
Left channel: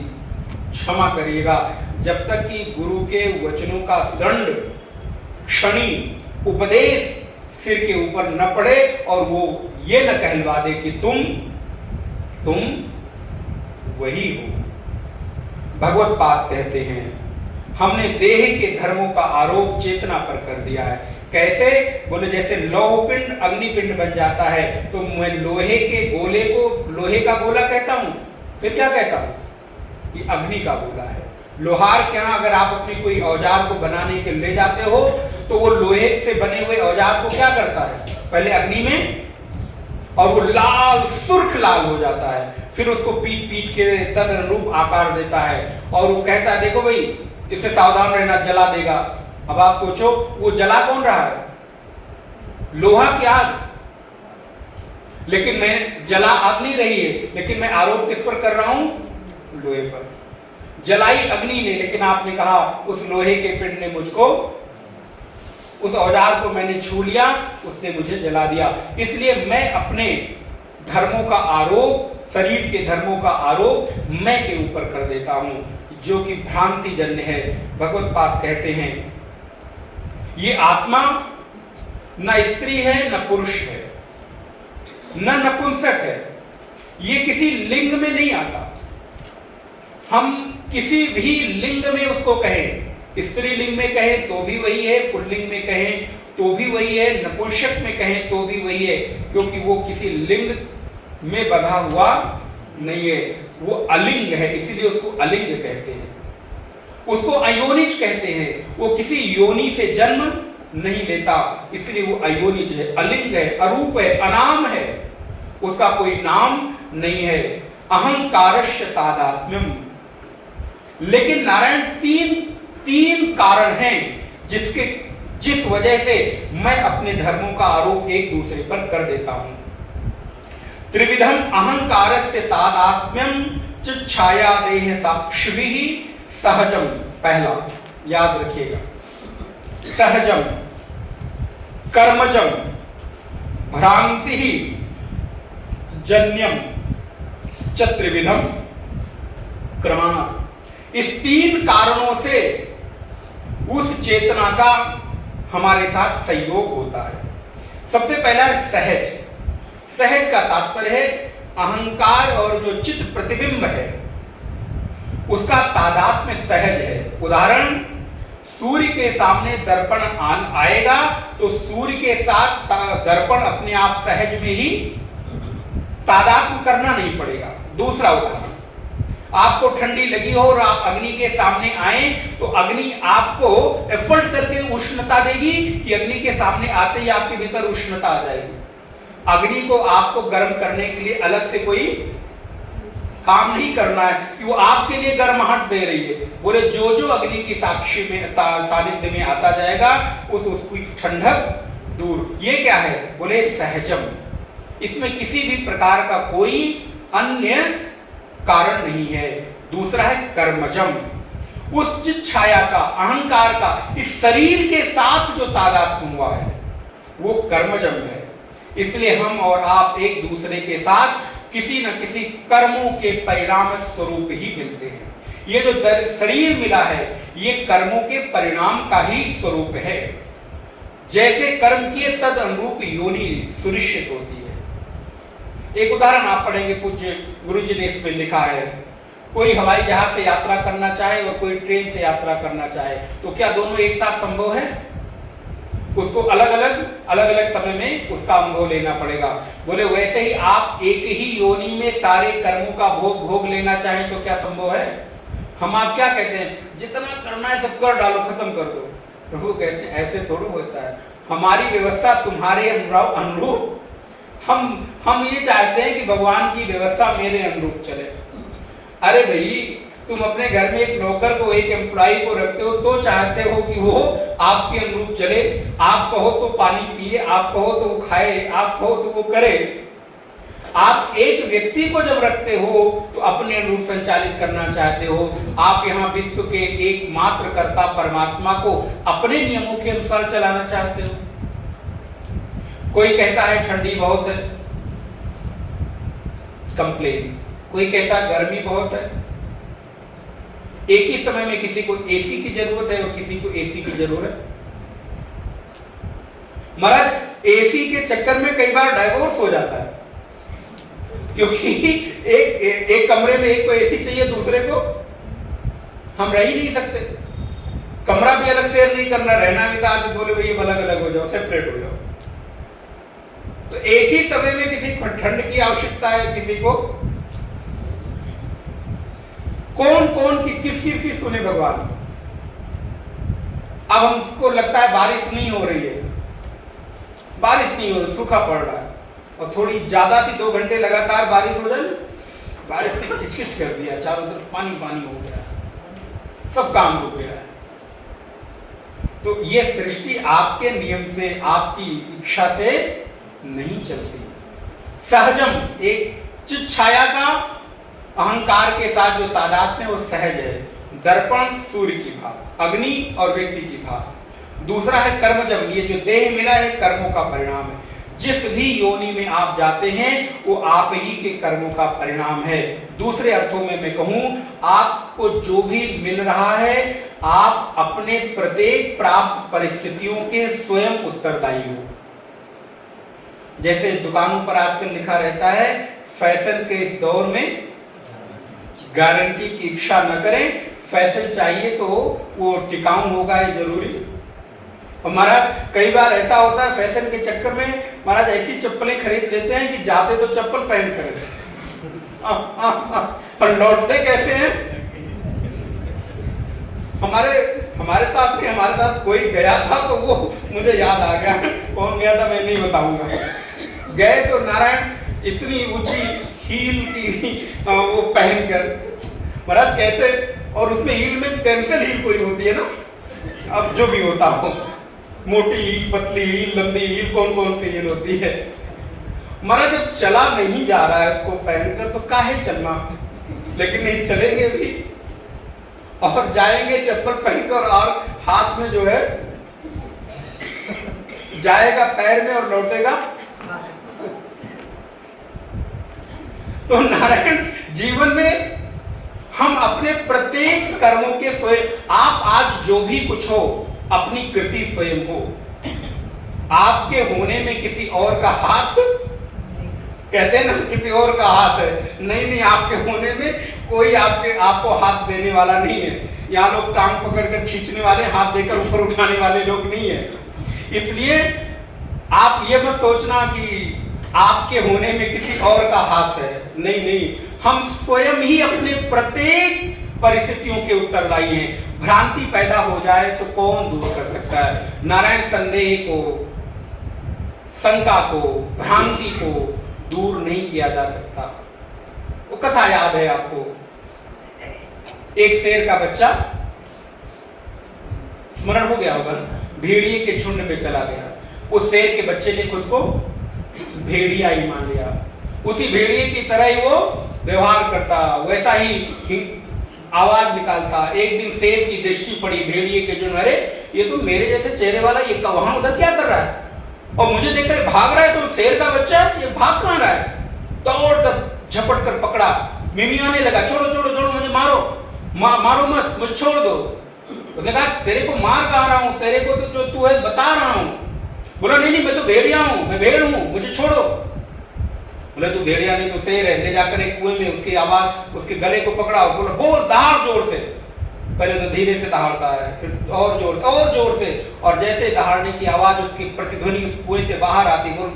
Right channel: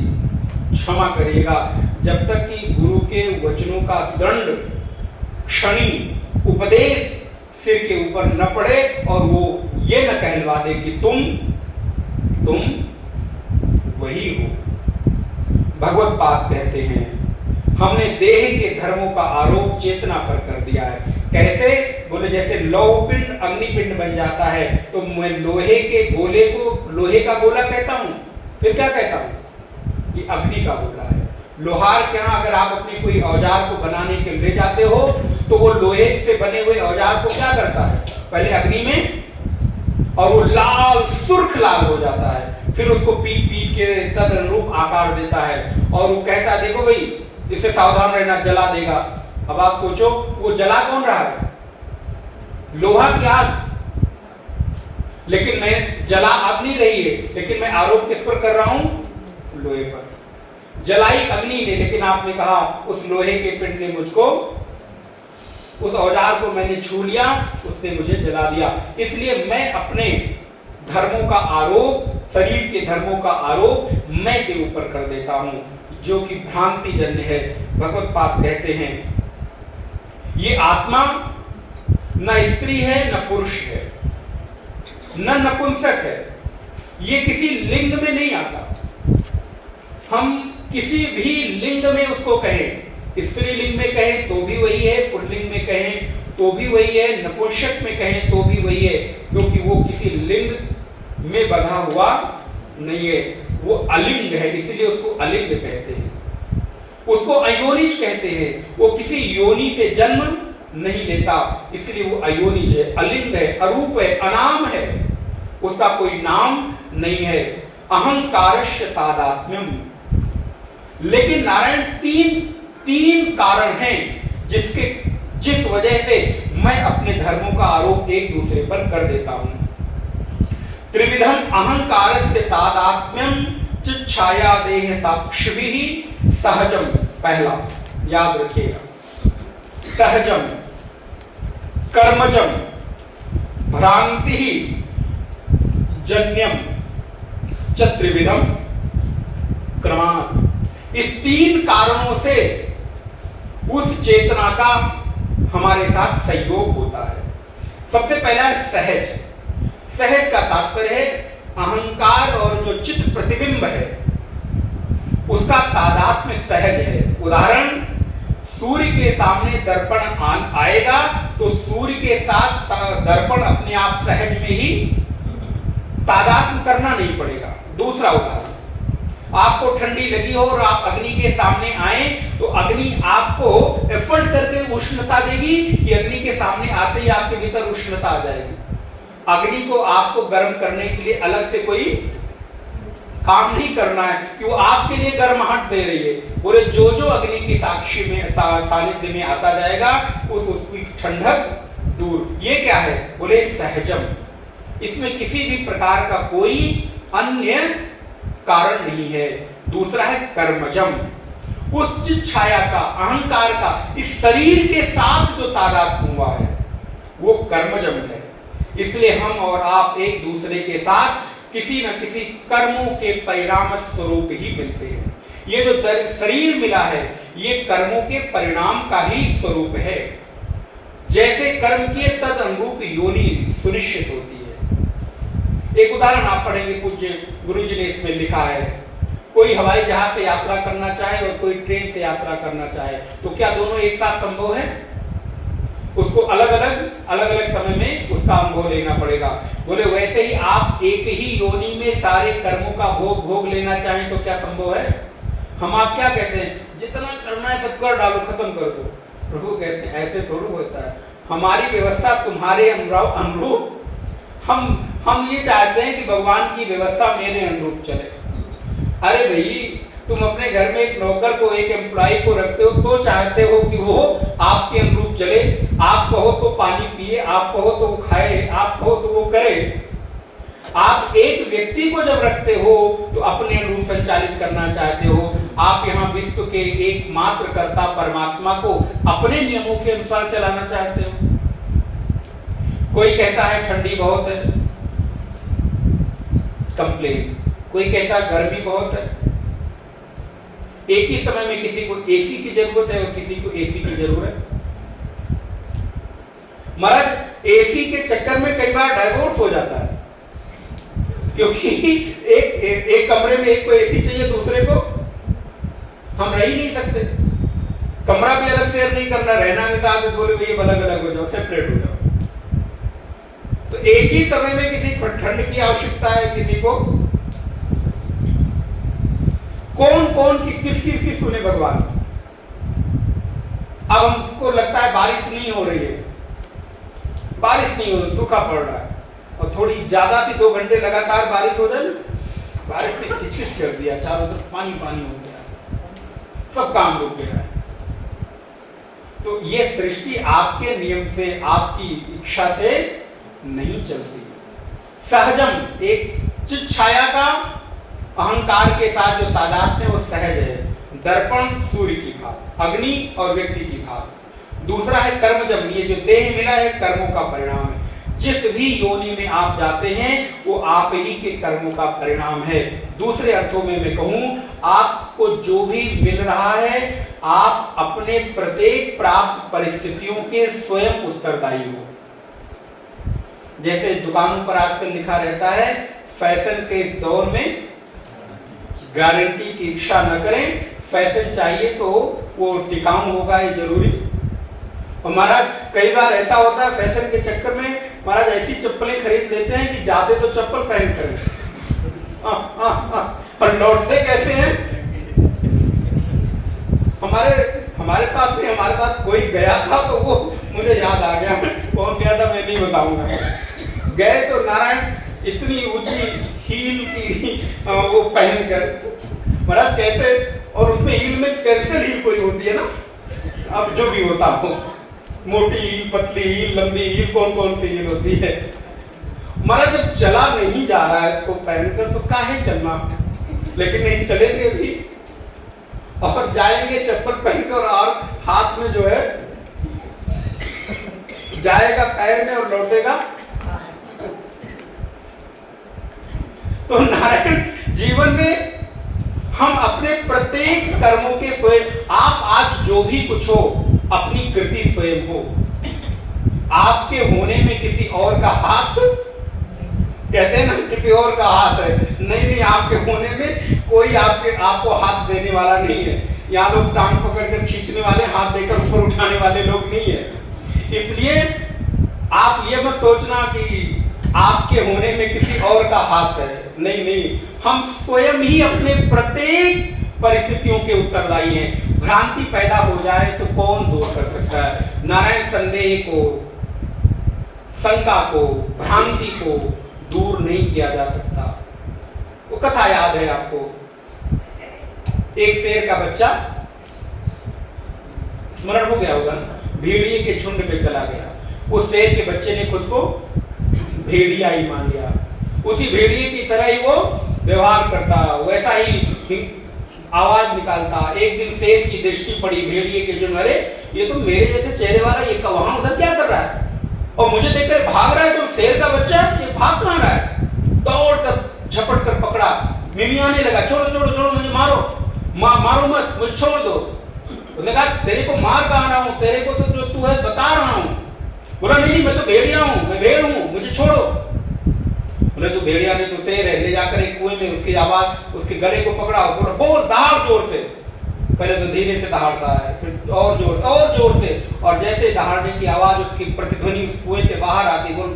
क्षमा करिएगा, जब तक कि गुरु के वचनों का दंड क्षणी उपदेश सिर के ऊपर न पड़े और वो ये न कहलवा दे कि तुम वही हो। भगवत पाद कहते हैं हमने देह के धर्मों का आरोप चेतना पर कर दिया है। कैसे? बोले जैसे लौह पिंड अग्निपिंड बन जाता है, तो मैं लोहे के गोले को लोहे का गोला कहता हूं, फिर क्या कहता हूं? ये अग्नि का गोला है। लोहार के यहाँ अगर आप अपने कोई औजार को बनाने के ले जाते हो, तो वो लोहे से बने हुए औजार को क्या करता है? पहले अग्नि में, और वो लाल सुर्ख लाल हो जाता है, फिर उसको पीट पीट के तद अनुरूप आकार देता है, और वो कहता है देखो भाई इससे सावधान रहना, जला देगा। अब आप सोचो वो जला कौन रहा है? लोहा की आग। लेकिन मैं जला आग नहीं रही है, लेकिन मैं आरोप किस पर कर रहा हूं? लोहे पर। जलाई अग्नि ने, लेकिन आपने कहा उस लोहे के पिंड ने मुझको, उस औजार को मैंने छू लिया, उसने मुझे जला दिया। इसलिए मैं अपने धर्मों का आरोप, शरीर के धर्मों का आरोप मैं के ऊपर कर देता हूं, जो कि भ्रांति जन्य है। भगवत पाद कहते हैं ये आत्मा न स्त्री है न पुरुष है न नपुंसक है, ये किसी लिंग में नहीं आता। हम किसी भी लिंग में उसको कहें, स्त्रीलिंग में कहें तो भी वही है, पुल्लिंग में कहें तो भी वही है, नपुंसक में कहें तो भी वही है, क्योंकि वो किसी लिंग में बंधा हुआ नहीं है, वो अलिंग है, इसलिए उसको अलिंग कहते हैं। उसको अयोनिज कहते हैं, वो किसी योनि से जन्म नहीं लेता, इसलिए वो अयोनिज है, अलिंग है, अरूप है, अनाम है, उसका कोई नाम नहीं है। अहंकारस्य तादात्म्यम। लेकिन नारायण तीन कारण हैं जिस वजह से मैं अपने धर्मों का आरोप एक दूसरे पर कर देता हूं। त्रिविधम अहंकारस्य तादात्म्यम छाया देह साक्षिभिः सहजम। पहला याद रखिएगा, सहजम, कर्मजम, भ्रांति जन्यम च त्रिविधम क्रमात्। इस तीन कारणों से उस चेतना का हमारे साथ सहयोग होता है। सबसे पहला है सहज। सहज का तात्पर्य है अहंकार और जो चित्त प्रतिबिंब है उसका तादात्म्य सहज है। उदाहरण, सूर्य के सामने दर्पण आएगा तो सूर्य के साथ दर्पण अपने आप सहज में ही तादात्म्य करना नहीं पड़ेगा। दूसरा उदाहरण, आपको ठंडी लगी हो और आप अग्नि के सामने आए तो अग्नि आपको एफर्ट करके उष्णता देगी कि अग्नि के सामने आते ही आपके भीतर उष्णता आ जाएगी। अग्नि को आपको गर्म करने के लिए अलग से कोई काम नहीं करना है कि वो आपके लिए गर्माहट दे रही है। बोले जो अग्नि की साक्षी में सानिध्य में आता जाएगा उसकी ठंडक दूर। ये क्या है? बोले सहजम। इसमें किसी भी प्रकार का कोई अन्य कारण नहीं है। दूसरा है कर्मजम। उस चित्त छाया का, अहंकार का इस शरीर के साथ जो तादात्म्य हुआ है वो कर्मजम है। इसलिए हम और आप एक दूसरे के साथ किसी न किसी कर्मों के परिणाम स्वरूप ही मिलते हैं। ये जो शरीर मिला है ये कर्मों के परिणाम का ही स्वरूप है। जैसे कर्म किए तद अनुरूप योनि सुनिश्चित होती है। एक उदाहरण आप पढ़ेंगे, पूज्य गुरुजी ने इसमें लिखा है, कोई हवाई जहाज से यात्रा करना चाहे और कोई ट्रेन से यात्रा करना चाहे तो क्या दोनों एक साथ संभव है? उसको अलग अलग समय में उसका अनुभव लेना पड़ेगा। बोले वैसे ही आप एक ही योनि में सारे कर्मों का भोग लेना चाहें तो क्या संभव है? हम आप क्या कहते हैं, जितना करना है सब कर डालो, खत्म कर दो। प्रभु कहते हैं ऐसे थोड़ा होता है। हमारी व्यवस्था तुम्हारे अनुरूप, हम ये चाहते हैं कि भगवान की व्यवस्था मेरे अनुरूप चले। अरे भाई, तुम अपने घर में एक नौकर को, एक एम्प्लॉय को रखते हो तो चाहते हो कि वो आपके अनुरूप चले। आप कहो तो पानी पिए, आप कहो तो वो खाए, आप कहो तो वो करे। आप एक व्यक्ति को जब रखते हो तो अपने अनुरूप संचालित करना चाहते हो। आप यहाँ विश्व के एकमात्र कर्ता परमात्मा को अपने नियमों के अनुसार चलाना चाहते हो। कोई कहता है ठंडी बहुत है, कंप्लेन। कोई कहता है गर्मी बहुत है। एक ही समय में किसी को एसी की जरूरत है और किसी को एसी की जरूरत। महाराज एसी के चक्कर में कई बार डाइवोर्स हो जाता है, क्योंकि एक कमरे में एक को एसी चाहिए, दूसरे को हम रह ही नहीं सकते। कमरा भी अलग शेयर नहीं करना, रहना भी था तो बोले भाई अलग अलग हो जाओ, सेपरेट हो जाओ। तो एक ही समय में किसी को ठंड की आवश्यकता है, किसी को कौन कौन की किस सुने भगवान। अब हमको लगता है बारिश नहीं हो रही है, बारिश नहीं हो रही, सूखा पड़ रहा है, और थोड़ी ज्यादा सी 2 घंटे लगातार बारिश हो जाए, बारिश ने किचकिच कर दिया, चारों तरफ पानी पानी हो गया, सब काम हो गया। तो ये सृष्टि आपके नियम से, आपकी इच्छा से नहीं चलती। सहजम, एक चित छाया का अहंकार के साथ जो तादाद में, वो सहज है। दर्पण सूर्य की भात, अग्नि और व्यक्ति की भात। दूसरा है कर्मजम, ये जो देह मिला है कर्मों का परिणाम है। जिस भी योनि में आप जाते हैं वो आप ही के कर्मों का परिणाम है। दूसरे अर्थों में मैं कहूं, आपको जो भी मिल रहा है आप अपने प्रत्येक प्राप्त परिस्थितियों के स्वयं उत्तरदायी हो। जैसे दुकानों पर आजकल लिखा रहता है, फैशन के इस दौर में गारंटी की इच्छा न करें, फैशन चाहिए तो वो टिकाऊ होगा, ये जरूरी। महाराज कई बार ऐसा होता है फैशन के चक्कर में महाराज ऐसी चप्पलें खरीद लेते हैं कि जाते तो चप्पल पहन कर और लौटते कैसे हैं। हमारे साथ कोई गया था तो वो मुझे याद आ गया, कौन गया था मैं नहीं बताऊंगा। गए तो नारायण इतनी ऊंची हील की वो पहन कर, महाराज कैसे, और उसमें हील में कैंसल हील कोई होती है ना, अब जो भी होता हो, मोटी हील, पतली हील, लंबी हील, कौन कौन सी हील होती है। महाराज जब चला नहीं जा रहा है उसको पहनकर तो काहे चलना, लेकिन नहीं चलेंगे भी और जाएंगे चप्पल पहनकर, और हाथ में जो है जाएगा पैर में और लौटेगा। तो नारायण जीवन में हम अपने प्रत्येक कर्मों के स्वयं, आप आज जो भी कुछ हो अपनी कृति स्वयं हो। आपके होने में किसी और का हाथ, कहते हैं ना किसी और का हाथ है, नहीं, आपके होने में कोई आपको हाथ देने वाला नहीं है। यहाँ लोग टांग पकड़कर खींचने वाले, हाथ देकर ऊपर उठाने वाले लोग नहीं है। इसलिए आप ये मत सोचना कि आपके होने में किसी और का हाथ है, नहीं, हम स्वयं ही अपने प्रत्येक परिस्थितियों के उत्तरदायी हैं। भ्रांति पैदा हो जाए तो कौन दूर कर सकता है। नारायण संदेह को, शंका को, भ्रांति को दूर नहीं किया जा सकता। वो कथा याद है आपको, एक शेर का बच्चा, स्मरण हो गया होगा ना, भेड़िए के झुंड में चला गया। उस शेर के बच्चे ने खुद को भेड़िया ही मान लिया, उसी भेड़िए की तरह ही वो व्यवहार करता, वैसा ही आवाज निकालता। एक दिन शेर की दृष्टि पड़ी भेड़िए के जो, अरे ये तो मेरे जैसे चेहरे वाला, ये वहां उधर क्या कर रहा है, और मुझे देखकर भाग रहा है, तो शेर का बच्चा ये भाग कहां रहा है। दौड़ कर झपट कर पकड़ा, मिमियाने लगा, छोड़ो छोड़ो छोड़ो, मुझे मारो, मारो मत, मुझे छोड़ दो। उसने कहा तेरे को मार कहा रहा हूं, तेरे को तो जो तू है बता रहा हूं। बोला नहीं, मैं तो भेड़िया हूं, मैं भेड़ हूं, मुझे छोड़ो। बोले तू भेड़िया नहीं, तो शेर है। ले जाकर एक कुएं में उसकी आवाज, उसके गले को पकड़ा और बोला बोल, दहाड़ जोर से। पहले तो धीरे से दहाड़ता है, फिर और जोर से, और जैसे दहाड़ने की आवाज, उसकी प्रतिध्वनि उस कुएं से बाहर आती, बोल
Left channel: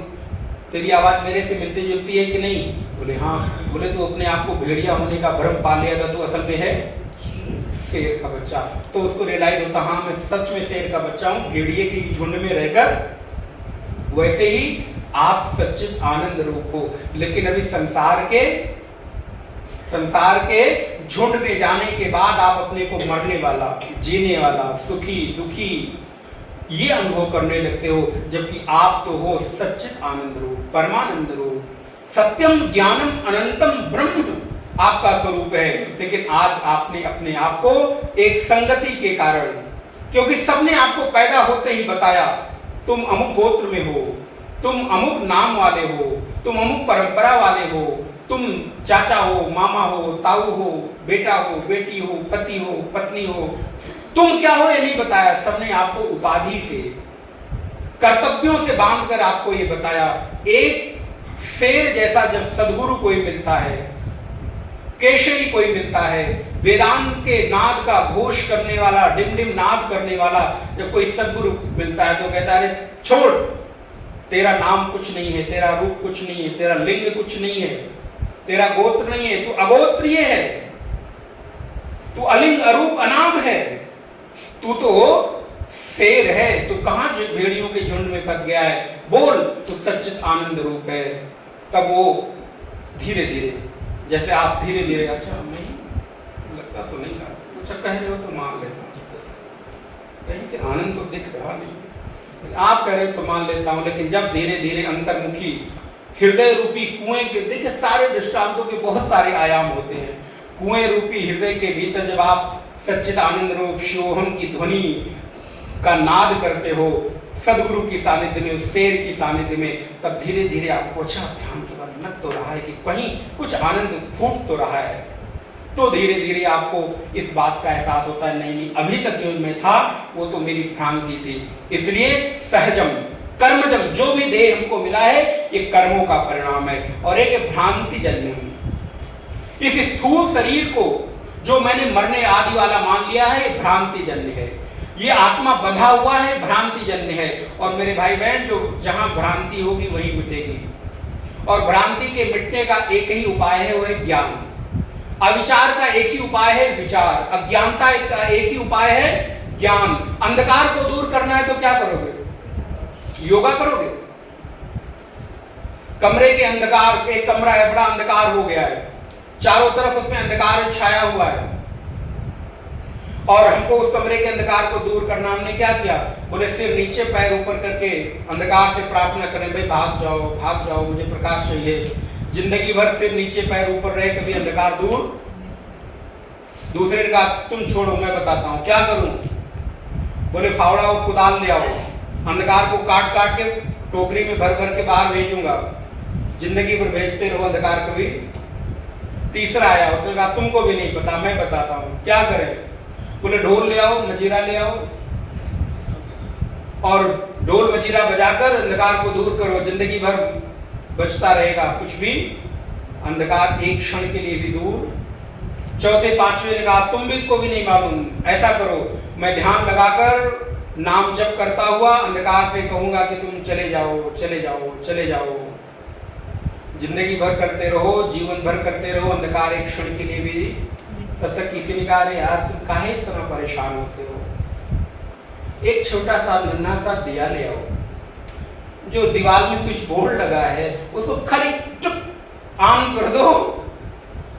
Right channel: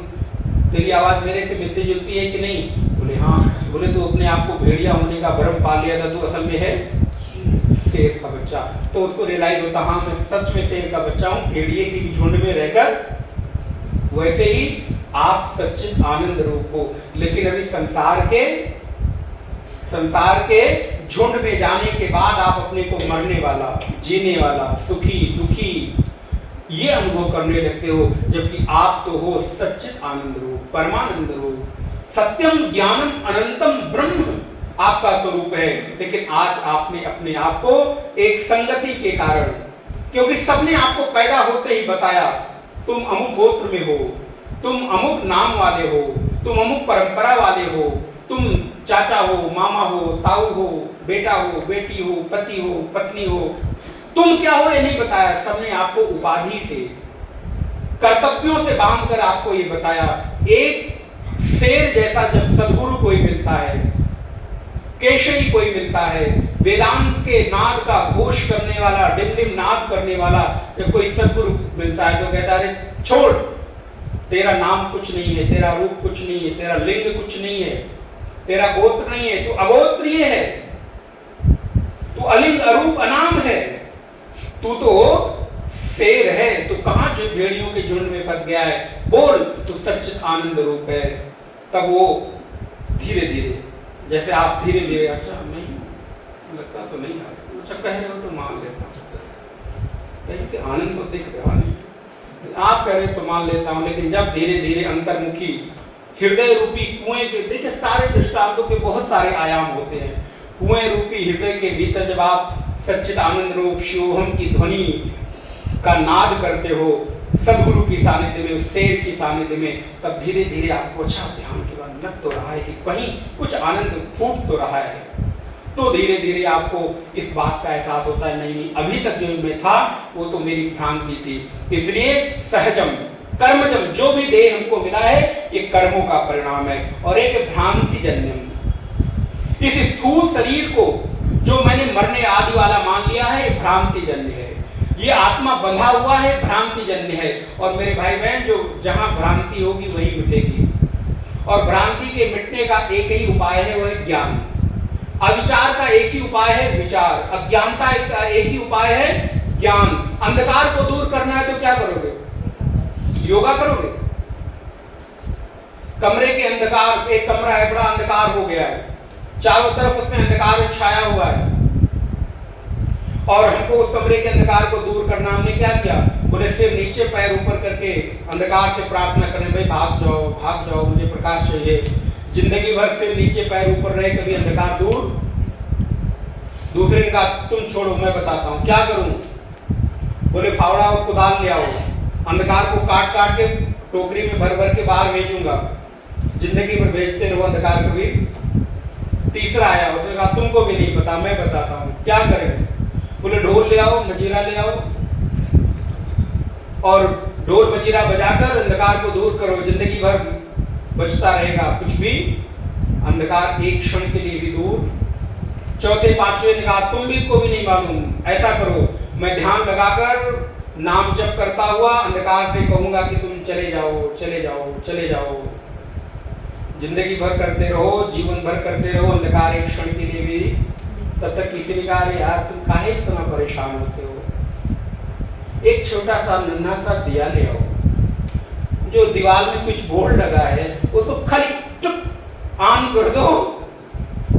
तेरी आवाज मेरे से मिलती जुलती है कि नहीं। बोले हाँ। बोले तू अपने आप को भेड़िया होने का भ्रम पा लिया था, तू असल में है शेर का बच्चा। तो उसको रियलाइज होता, हाँ मैं सच में शेर का बच्चा हूँ, भेड़िए की झुंड में रहकर। वैसे ही आप सच्चित आनंद रूप हो, लेकिन अभी संसार के झुंड में जाने के बाद आप अपने को मरने वाला, जीने वाला, सुखी दुखी ये अनुभव करने लगते हो, जबकि आप तो हो सच्चित आनंद रूप, परमानंद रूप, सत्यम ज्ञानम अनंतम ब्रह्म आपका स्वरूप है। लेकिन आज आपने अपने आप को एक संगति के कारण, क्योंकि सबने आपको पैदा होते ही बताया तुम अमुक गोत्र में हो, तुम अमुक नाम वाले हो, तुम अमुक परंपरा वाले हो, तुम चाचा हो, मामा हो, ताऊ हो, बेटा हो, बेटी हो, पति हो, पत्नी हो, तुम क्या हो ये नहीं बताया। सबने आपको उपाधि से, कर्तव्यों से बांधकर आपको ये बताया। एक शेर जैसा जब सदगुरु कोई मिलता है केशरी कोई मिलता है, वेदांत के नाद का घोष करने वाला, डिमडिम नाद करने वाला जब कोई सद्गुरु मिलता है तो कहता है अरे छोड़, तेरा नाम कुछ नहीं है, तेरा रूप कुछ नहीं है, तेरा लिंग कुछ नहीं है, तेरा गोत्र नहीं है, तू अगोत्रीय है, तू अलिंग अरूप अनाम है, तू तो शेर है, तू कहां भेड़ियों के झुंड में फंस गया है, बोल तू सच्चित आनंद रूप है। तब वो धीरे धीरे, जैसे आप धीरे धीरे, अच्छा नहीं लगता तो नहीं, अच्छा कह रहे हो तो मान लेता हूं, कहीं से आनंद तो दिख रहा नहीं, आप कह रहे तो मान लेता हूं। लेकिन जब धीरे धीरे अंतर्मुखी हृदय रूपी कुएं के, देखिए सारे दृष्टांतों के बहुत सारे आयाम होते हैं, कुएं रूपी हृदय के भीतर जब आप सच्चिद आनंद रूप शिवोहम की ध्वनि का नाद करते हो सदगुरु की सानिध्य में, उस शेर की सानिध्य में, तब धीरे धीरे आपको अच्छा ध्यान के बाद लग तो रहा है कि कहीं कुछ आनंद फूट तो रहा है, तो धीरे धीरे आपको इस बात का एहसास होता है नहीं अभी तक जो मैं था वो तो मेरी भ्रांति थी। इसलिए सहजम कर्मजम, जो भी देह हमको मिला है ये कर्मों का परिणाम है, और एक भ्रांति जन्य, इस स्थूल शरीर को जो मैंने मरने आदि वाला मान लिया है भ्रांति जन्य है, ये आत्मा बंधा हुआ है भ्रांति जन्य है। और मेरे भाई बहन, जो जहां भ्रांति होगी वही मिटेगी, और भ्रांति के मिटने का एक ही उपाय है, वो है ज्ञान। अविचार का एक ही उपाय है विचार, अज्ञानता का एक ही उपाय है ज्ञान। अंधकार को दूर करना है तो क्या करोगे? योगा करोगे। कमरे के अंधकार, एक कमरा है बड़ा अंधकार हो गया है, चारों तरफ उसमें अंधकार छाया हुआ है, और हमको उस कमरे के अंधकार को दूर करना, हमने क्या किया? बोले सिर नीचे पैर ऊपर करके अंधकार से प्रार्थना करें, भाई भाग जाओ, मुझे प्रकाश चाहिए। जिंदगी भर सिर नीचे पैर ऊपर रहे, कभी अंधकार दूर। दूसरे ने कहा तुम छोड़ो, मैं बताता हूं क्या करूं। बोले फावड़ा और कुदाल ले आओ, अंधकार को काट काट के टोकरी में भर भर के बाहर भेजूंगा, जिंदगी भर भेजते रहो अंधकार कभी। तीसरा आया, उसने कहा तुमको भी नहीं पता, मैं बताता हूं क्या करें। बोले ढोल ले आओ, मजीरा ले आओ, और ढोल मजीरा बजाकर अंधकार को दूर करो, जिंदगी भर बचता रहेगा कुछ भी, अंधकार एक क्षण के लिए भी दूर। चौथे पांचवे ने कहा तुम भी को भी नहीं मालूम, ऐसा करो मैं ध्यान लगाकर नाम जप करता हुआ अंधकार से कहूंगा कि तुम चले जाओ चले जाओ चले जाओ, जिंदगी भर करते रहो, जीवन भर करते रहो, अंधकार एक क्षण के लिए भी। तब तक किसी ने कहा अरे यार तुम काहे इतना परेशान होते हो, एक छोटा सा नन्हा सा दिया ले आओ, जो दीवार में स्विच बोर्ड लगा है उसको खाली चुप ऑन कर दो,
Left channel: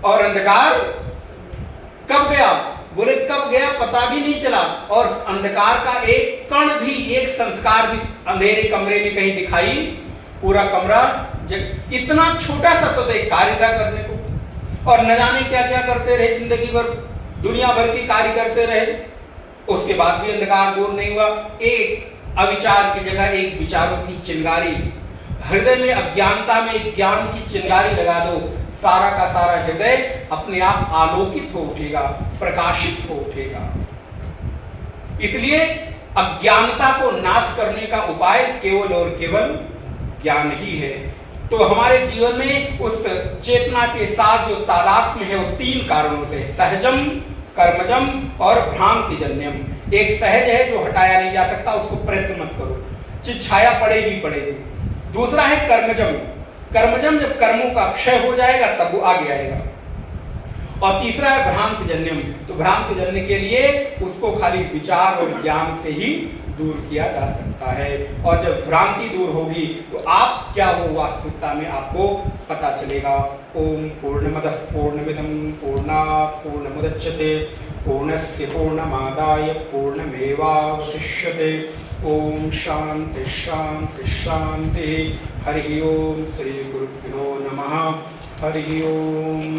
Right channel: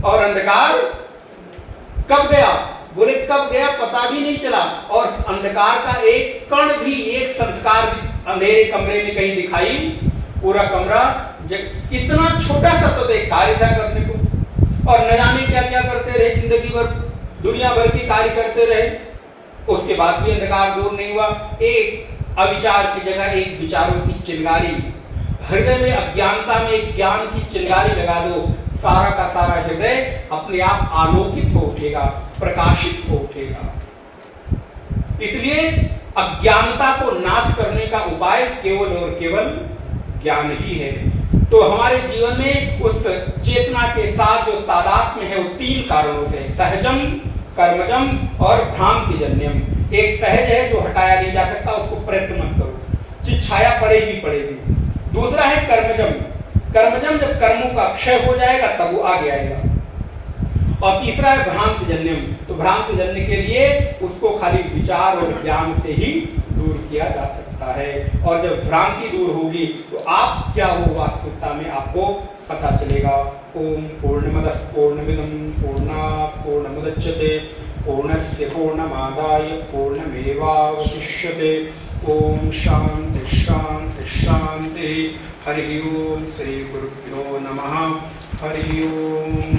और अंधकार कब गया? बोले कब गया पता भी नहीं चला, और अंधकार का एक कण भी, एक संस्कार भी अंधेरे कमरे में कहीं दिखाई, पूरा कमरा इतना छोटा सा तो एक कार्य था करने को, और न जाने क्या क्या करते रहे, जिंदगी भर दुनिया भर की कार्य करते रहे, उसके बाद भी अंधकार दूर नहीं हुआ। एक अविचार की जगह एक विचारों की चिंगारी, हृदय में अज्ञानता में ज्ञान की चिंगारी लगा दो, सारा का सारा हृदय अपने आप आलोकित हो उठेगा, प्रकाशित हो उठेगा। इसलिए अज्ञानता को नाश करने का उपाय केवल और केवल ज्ञान ही है। तो हमारे जीवन में उस चेतना के साथ जो तादात्म्य है वो तीन कारणों से, सहजम, कर्मजम और भ्रांतिजन्यम। एक सहज है जो हटाया नहीं जा सकता, उसको प्रयत्न मत करो, चिच्छाया पड़ेगी पड़ेगी। दूसरा है कर्मजम, कर्मजम जब कर्मों का क्षय हो जाएगा तब वो आगे आएगा। और तीसरा है भ्रांतिजन्यम, तो भ्रांतिजन्य के लिए उसको खाली विचार और ज्ञान से ही दूर किया जा सकता है। और जब भ्रांति दूर होगी तो आप क्या हो वास्तविकता में आपको पता चलेगा। ओम पूर्णमदः पूर्णमिदं पूर्णात् पूर्णमुदच्यते पूर्णस्य पूर्णमादाय पूर्णमेवावशिष्यते। ओम शांति शांति शांति। हरि ओम। श्री गुरुभ्यो नमः। हरि ओम।